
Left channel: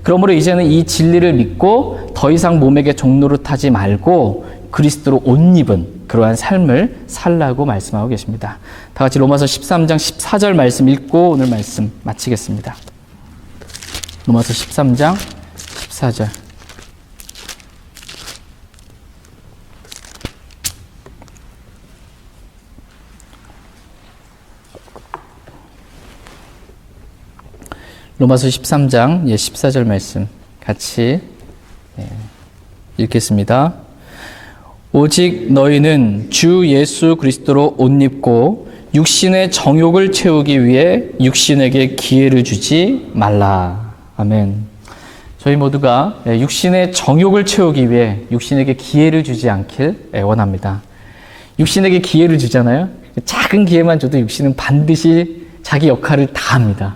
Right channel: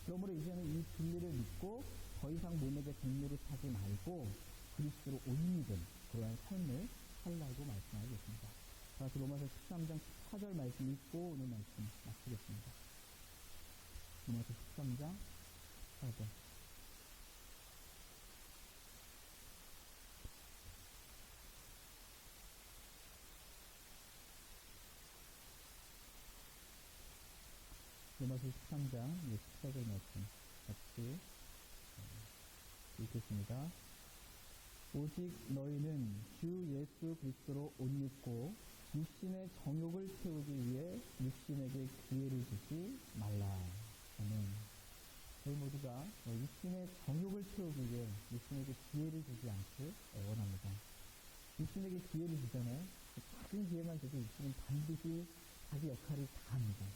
그러므로 이제는 이 진리를 믿고 더 이상 몸에게 종노릇하지 말고 그리스도로 옷 입은 그러한 삶을 살라고 말씀하고 계십니다. 다 같이 로마서 13장 14절 말씀 읽고 오늘 말씀 마치겠습니다. 로마서 13장 14절. 로마서 13장 14절 말씀 같이 읽겠습니다. 오직 너희는 주 예수 그리스도로 옷 입고 육신의 정욕을 채우기 위해 육신에게 기회를 주지 말라. 아멘. 저희 모두가 육신의 정욕을 채우기 위해 육신에게 기회를 주지 않길 원합니다. 육신에게 기회를 주잖아요. 작은 기회만 줘도 육신은 반드시 자기 역할을 다 합니다.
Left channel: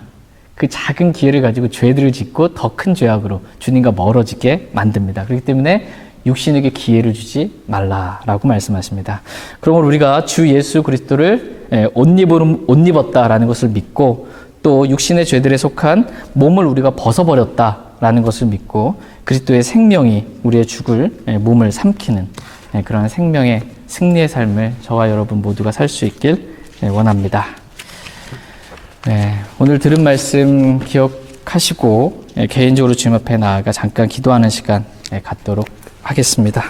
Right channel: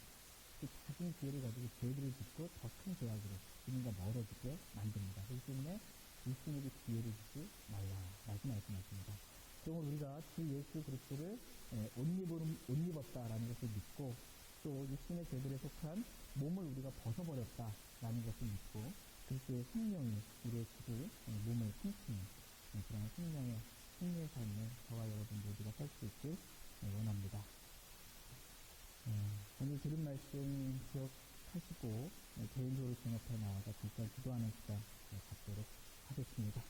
그 작은 기회를 가지고 죄들을 짓고 더 큰 죄악으로 주님과 멀어지게 만듭니다. 그렇기 때문에 육신에게 기회를 주지 말라라고 말씀하십니다. 그러므로 우리가 주 예수 그리스도를 옷 입었다라는 것을 믿고 또 육신의 죄들에 속한 몸을 우리가 벗어버렸다라는 것을 믿고 그리스도의 생명이 우리의 죽을 몸을 삼키는 그런 생명의 승리의 삶을 저와 여러분 모두가 살 수 있길 원합니다. 오늘 들은 말씀 기억하시고 개인적으로 주님 앞에 나아가 잠깐 기도하는 시간 갖도록 하겠습니다.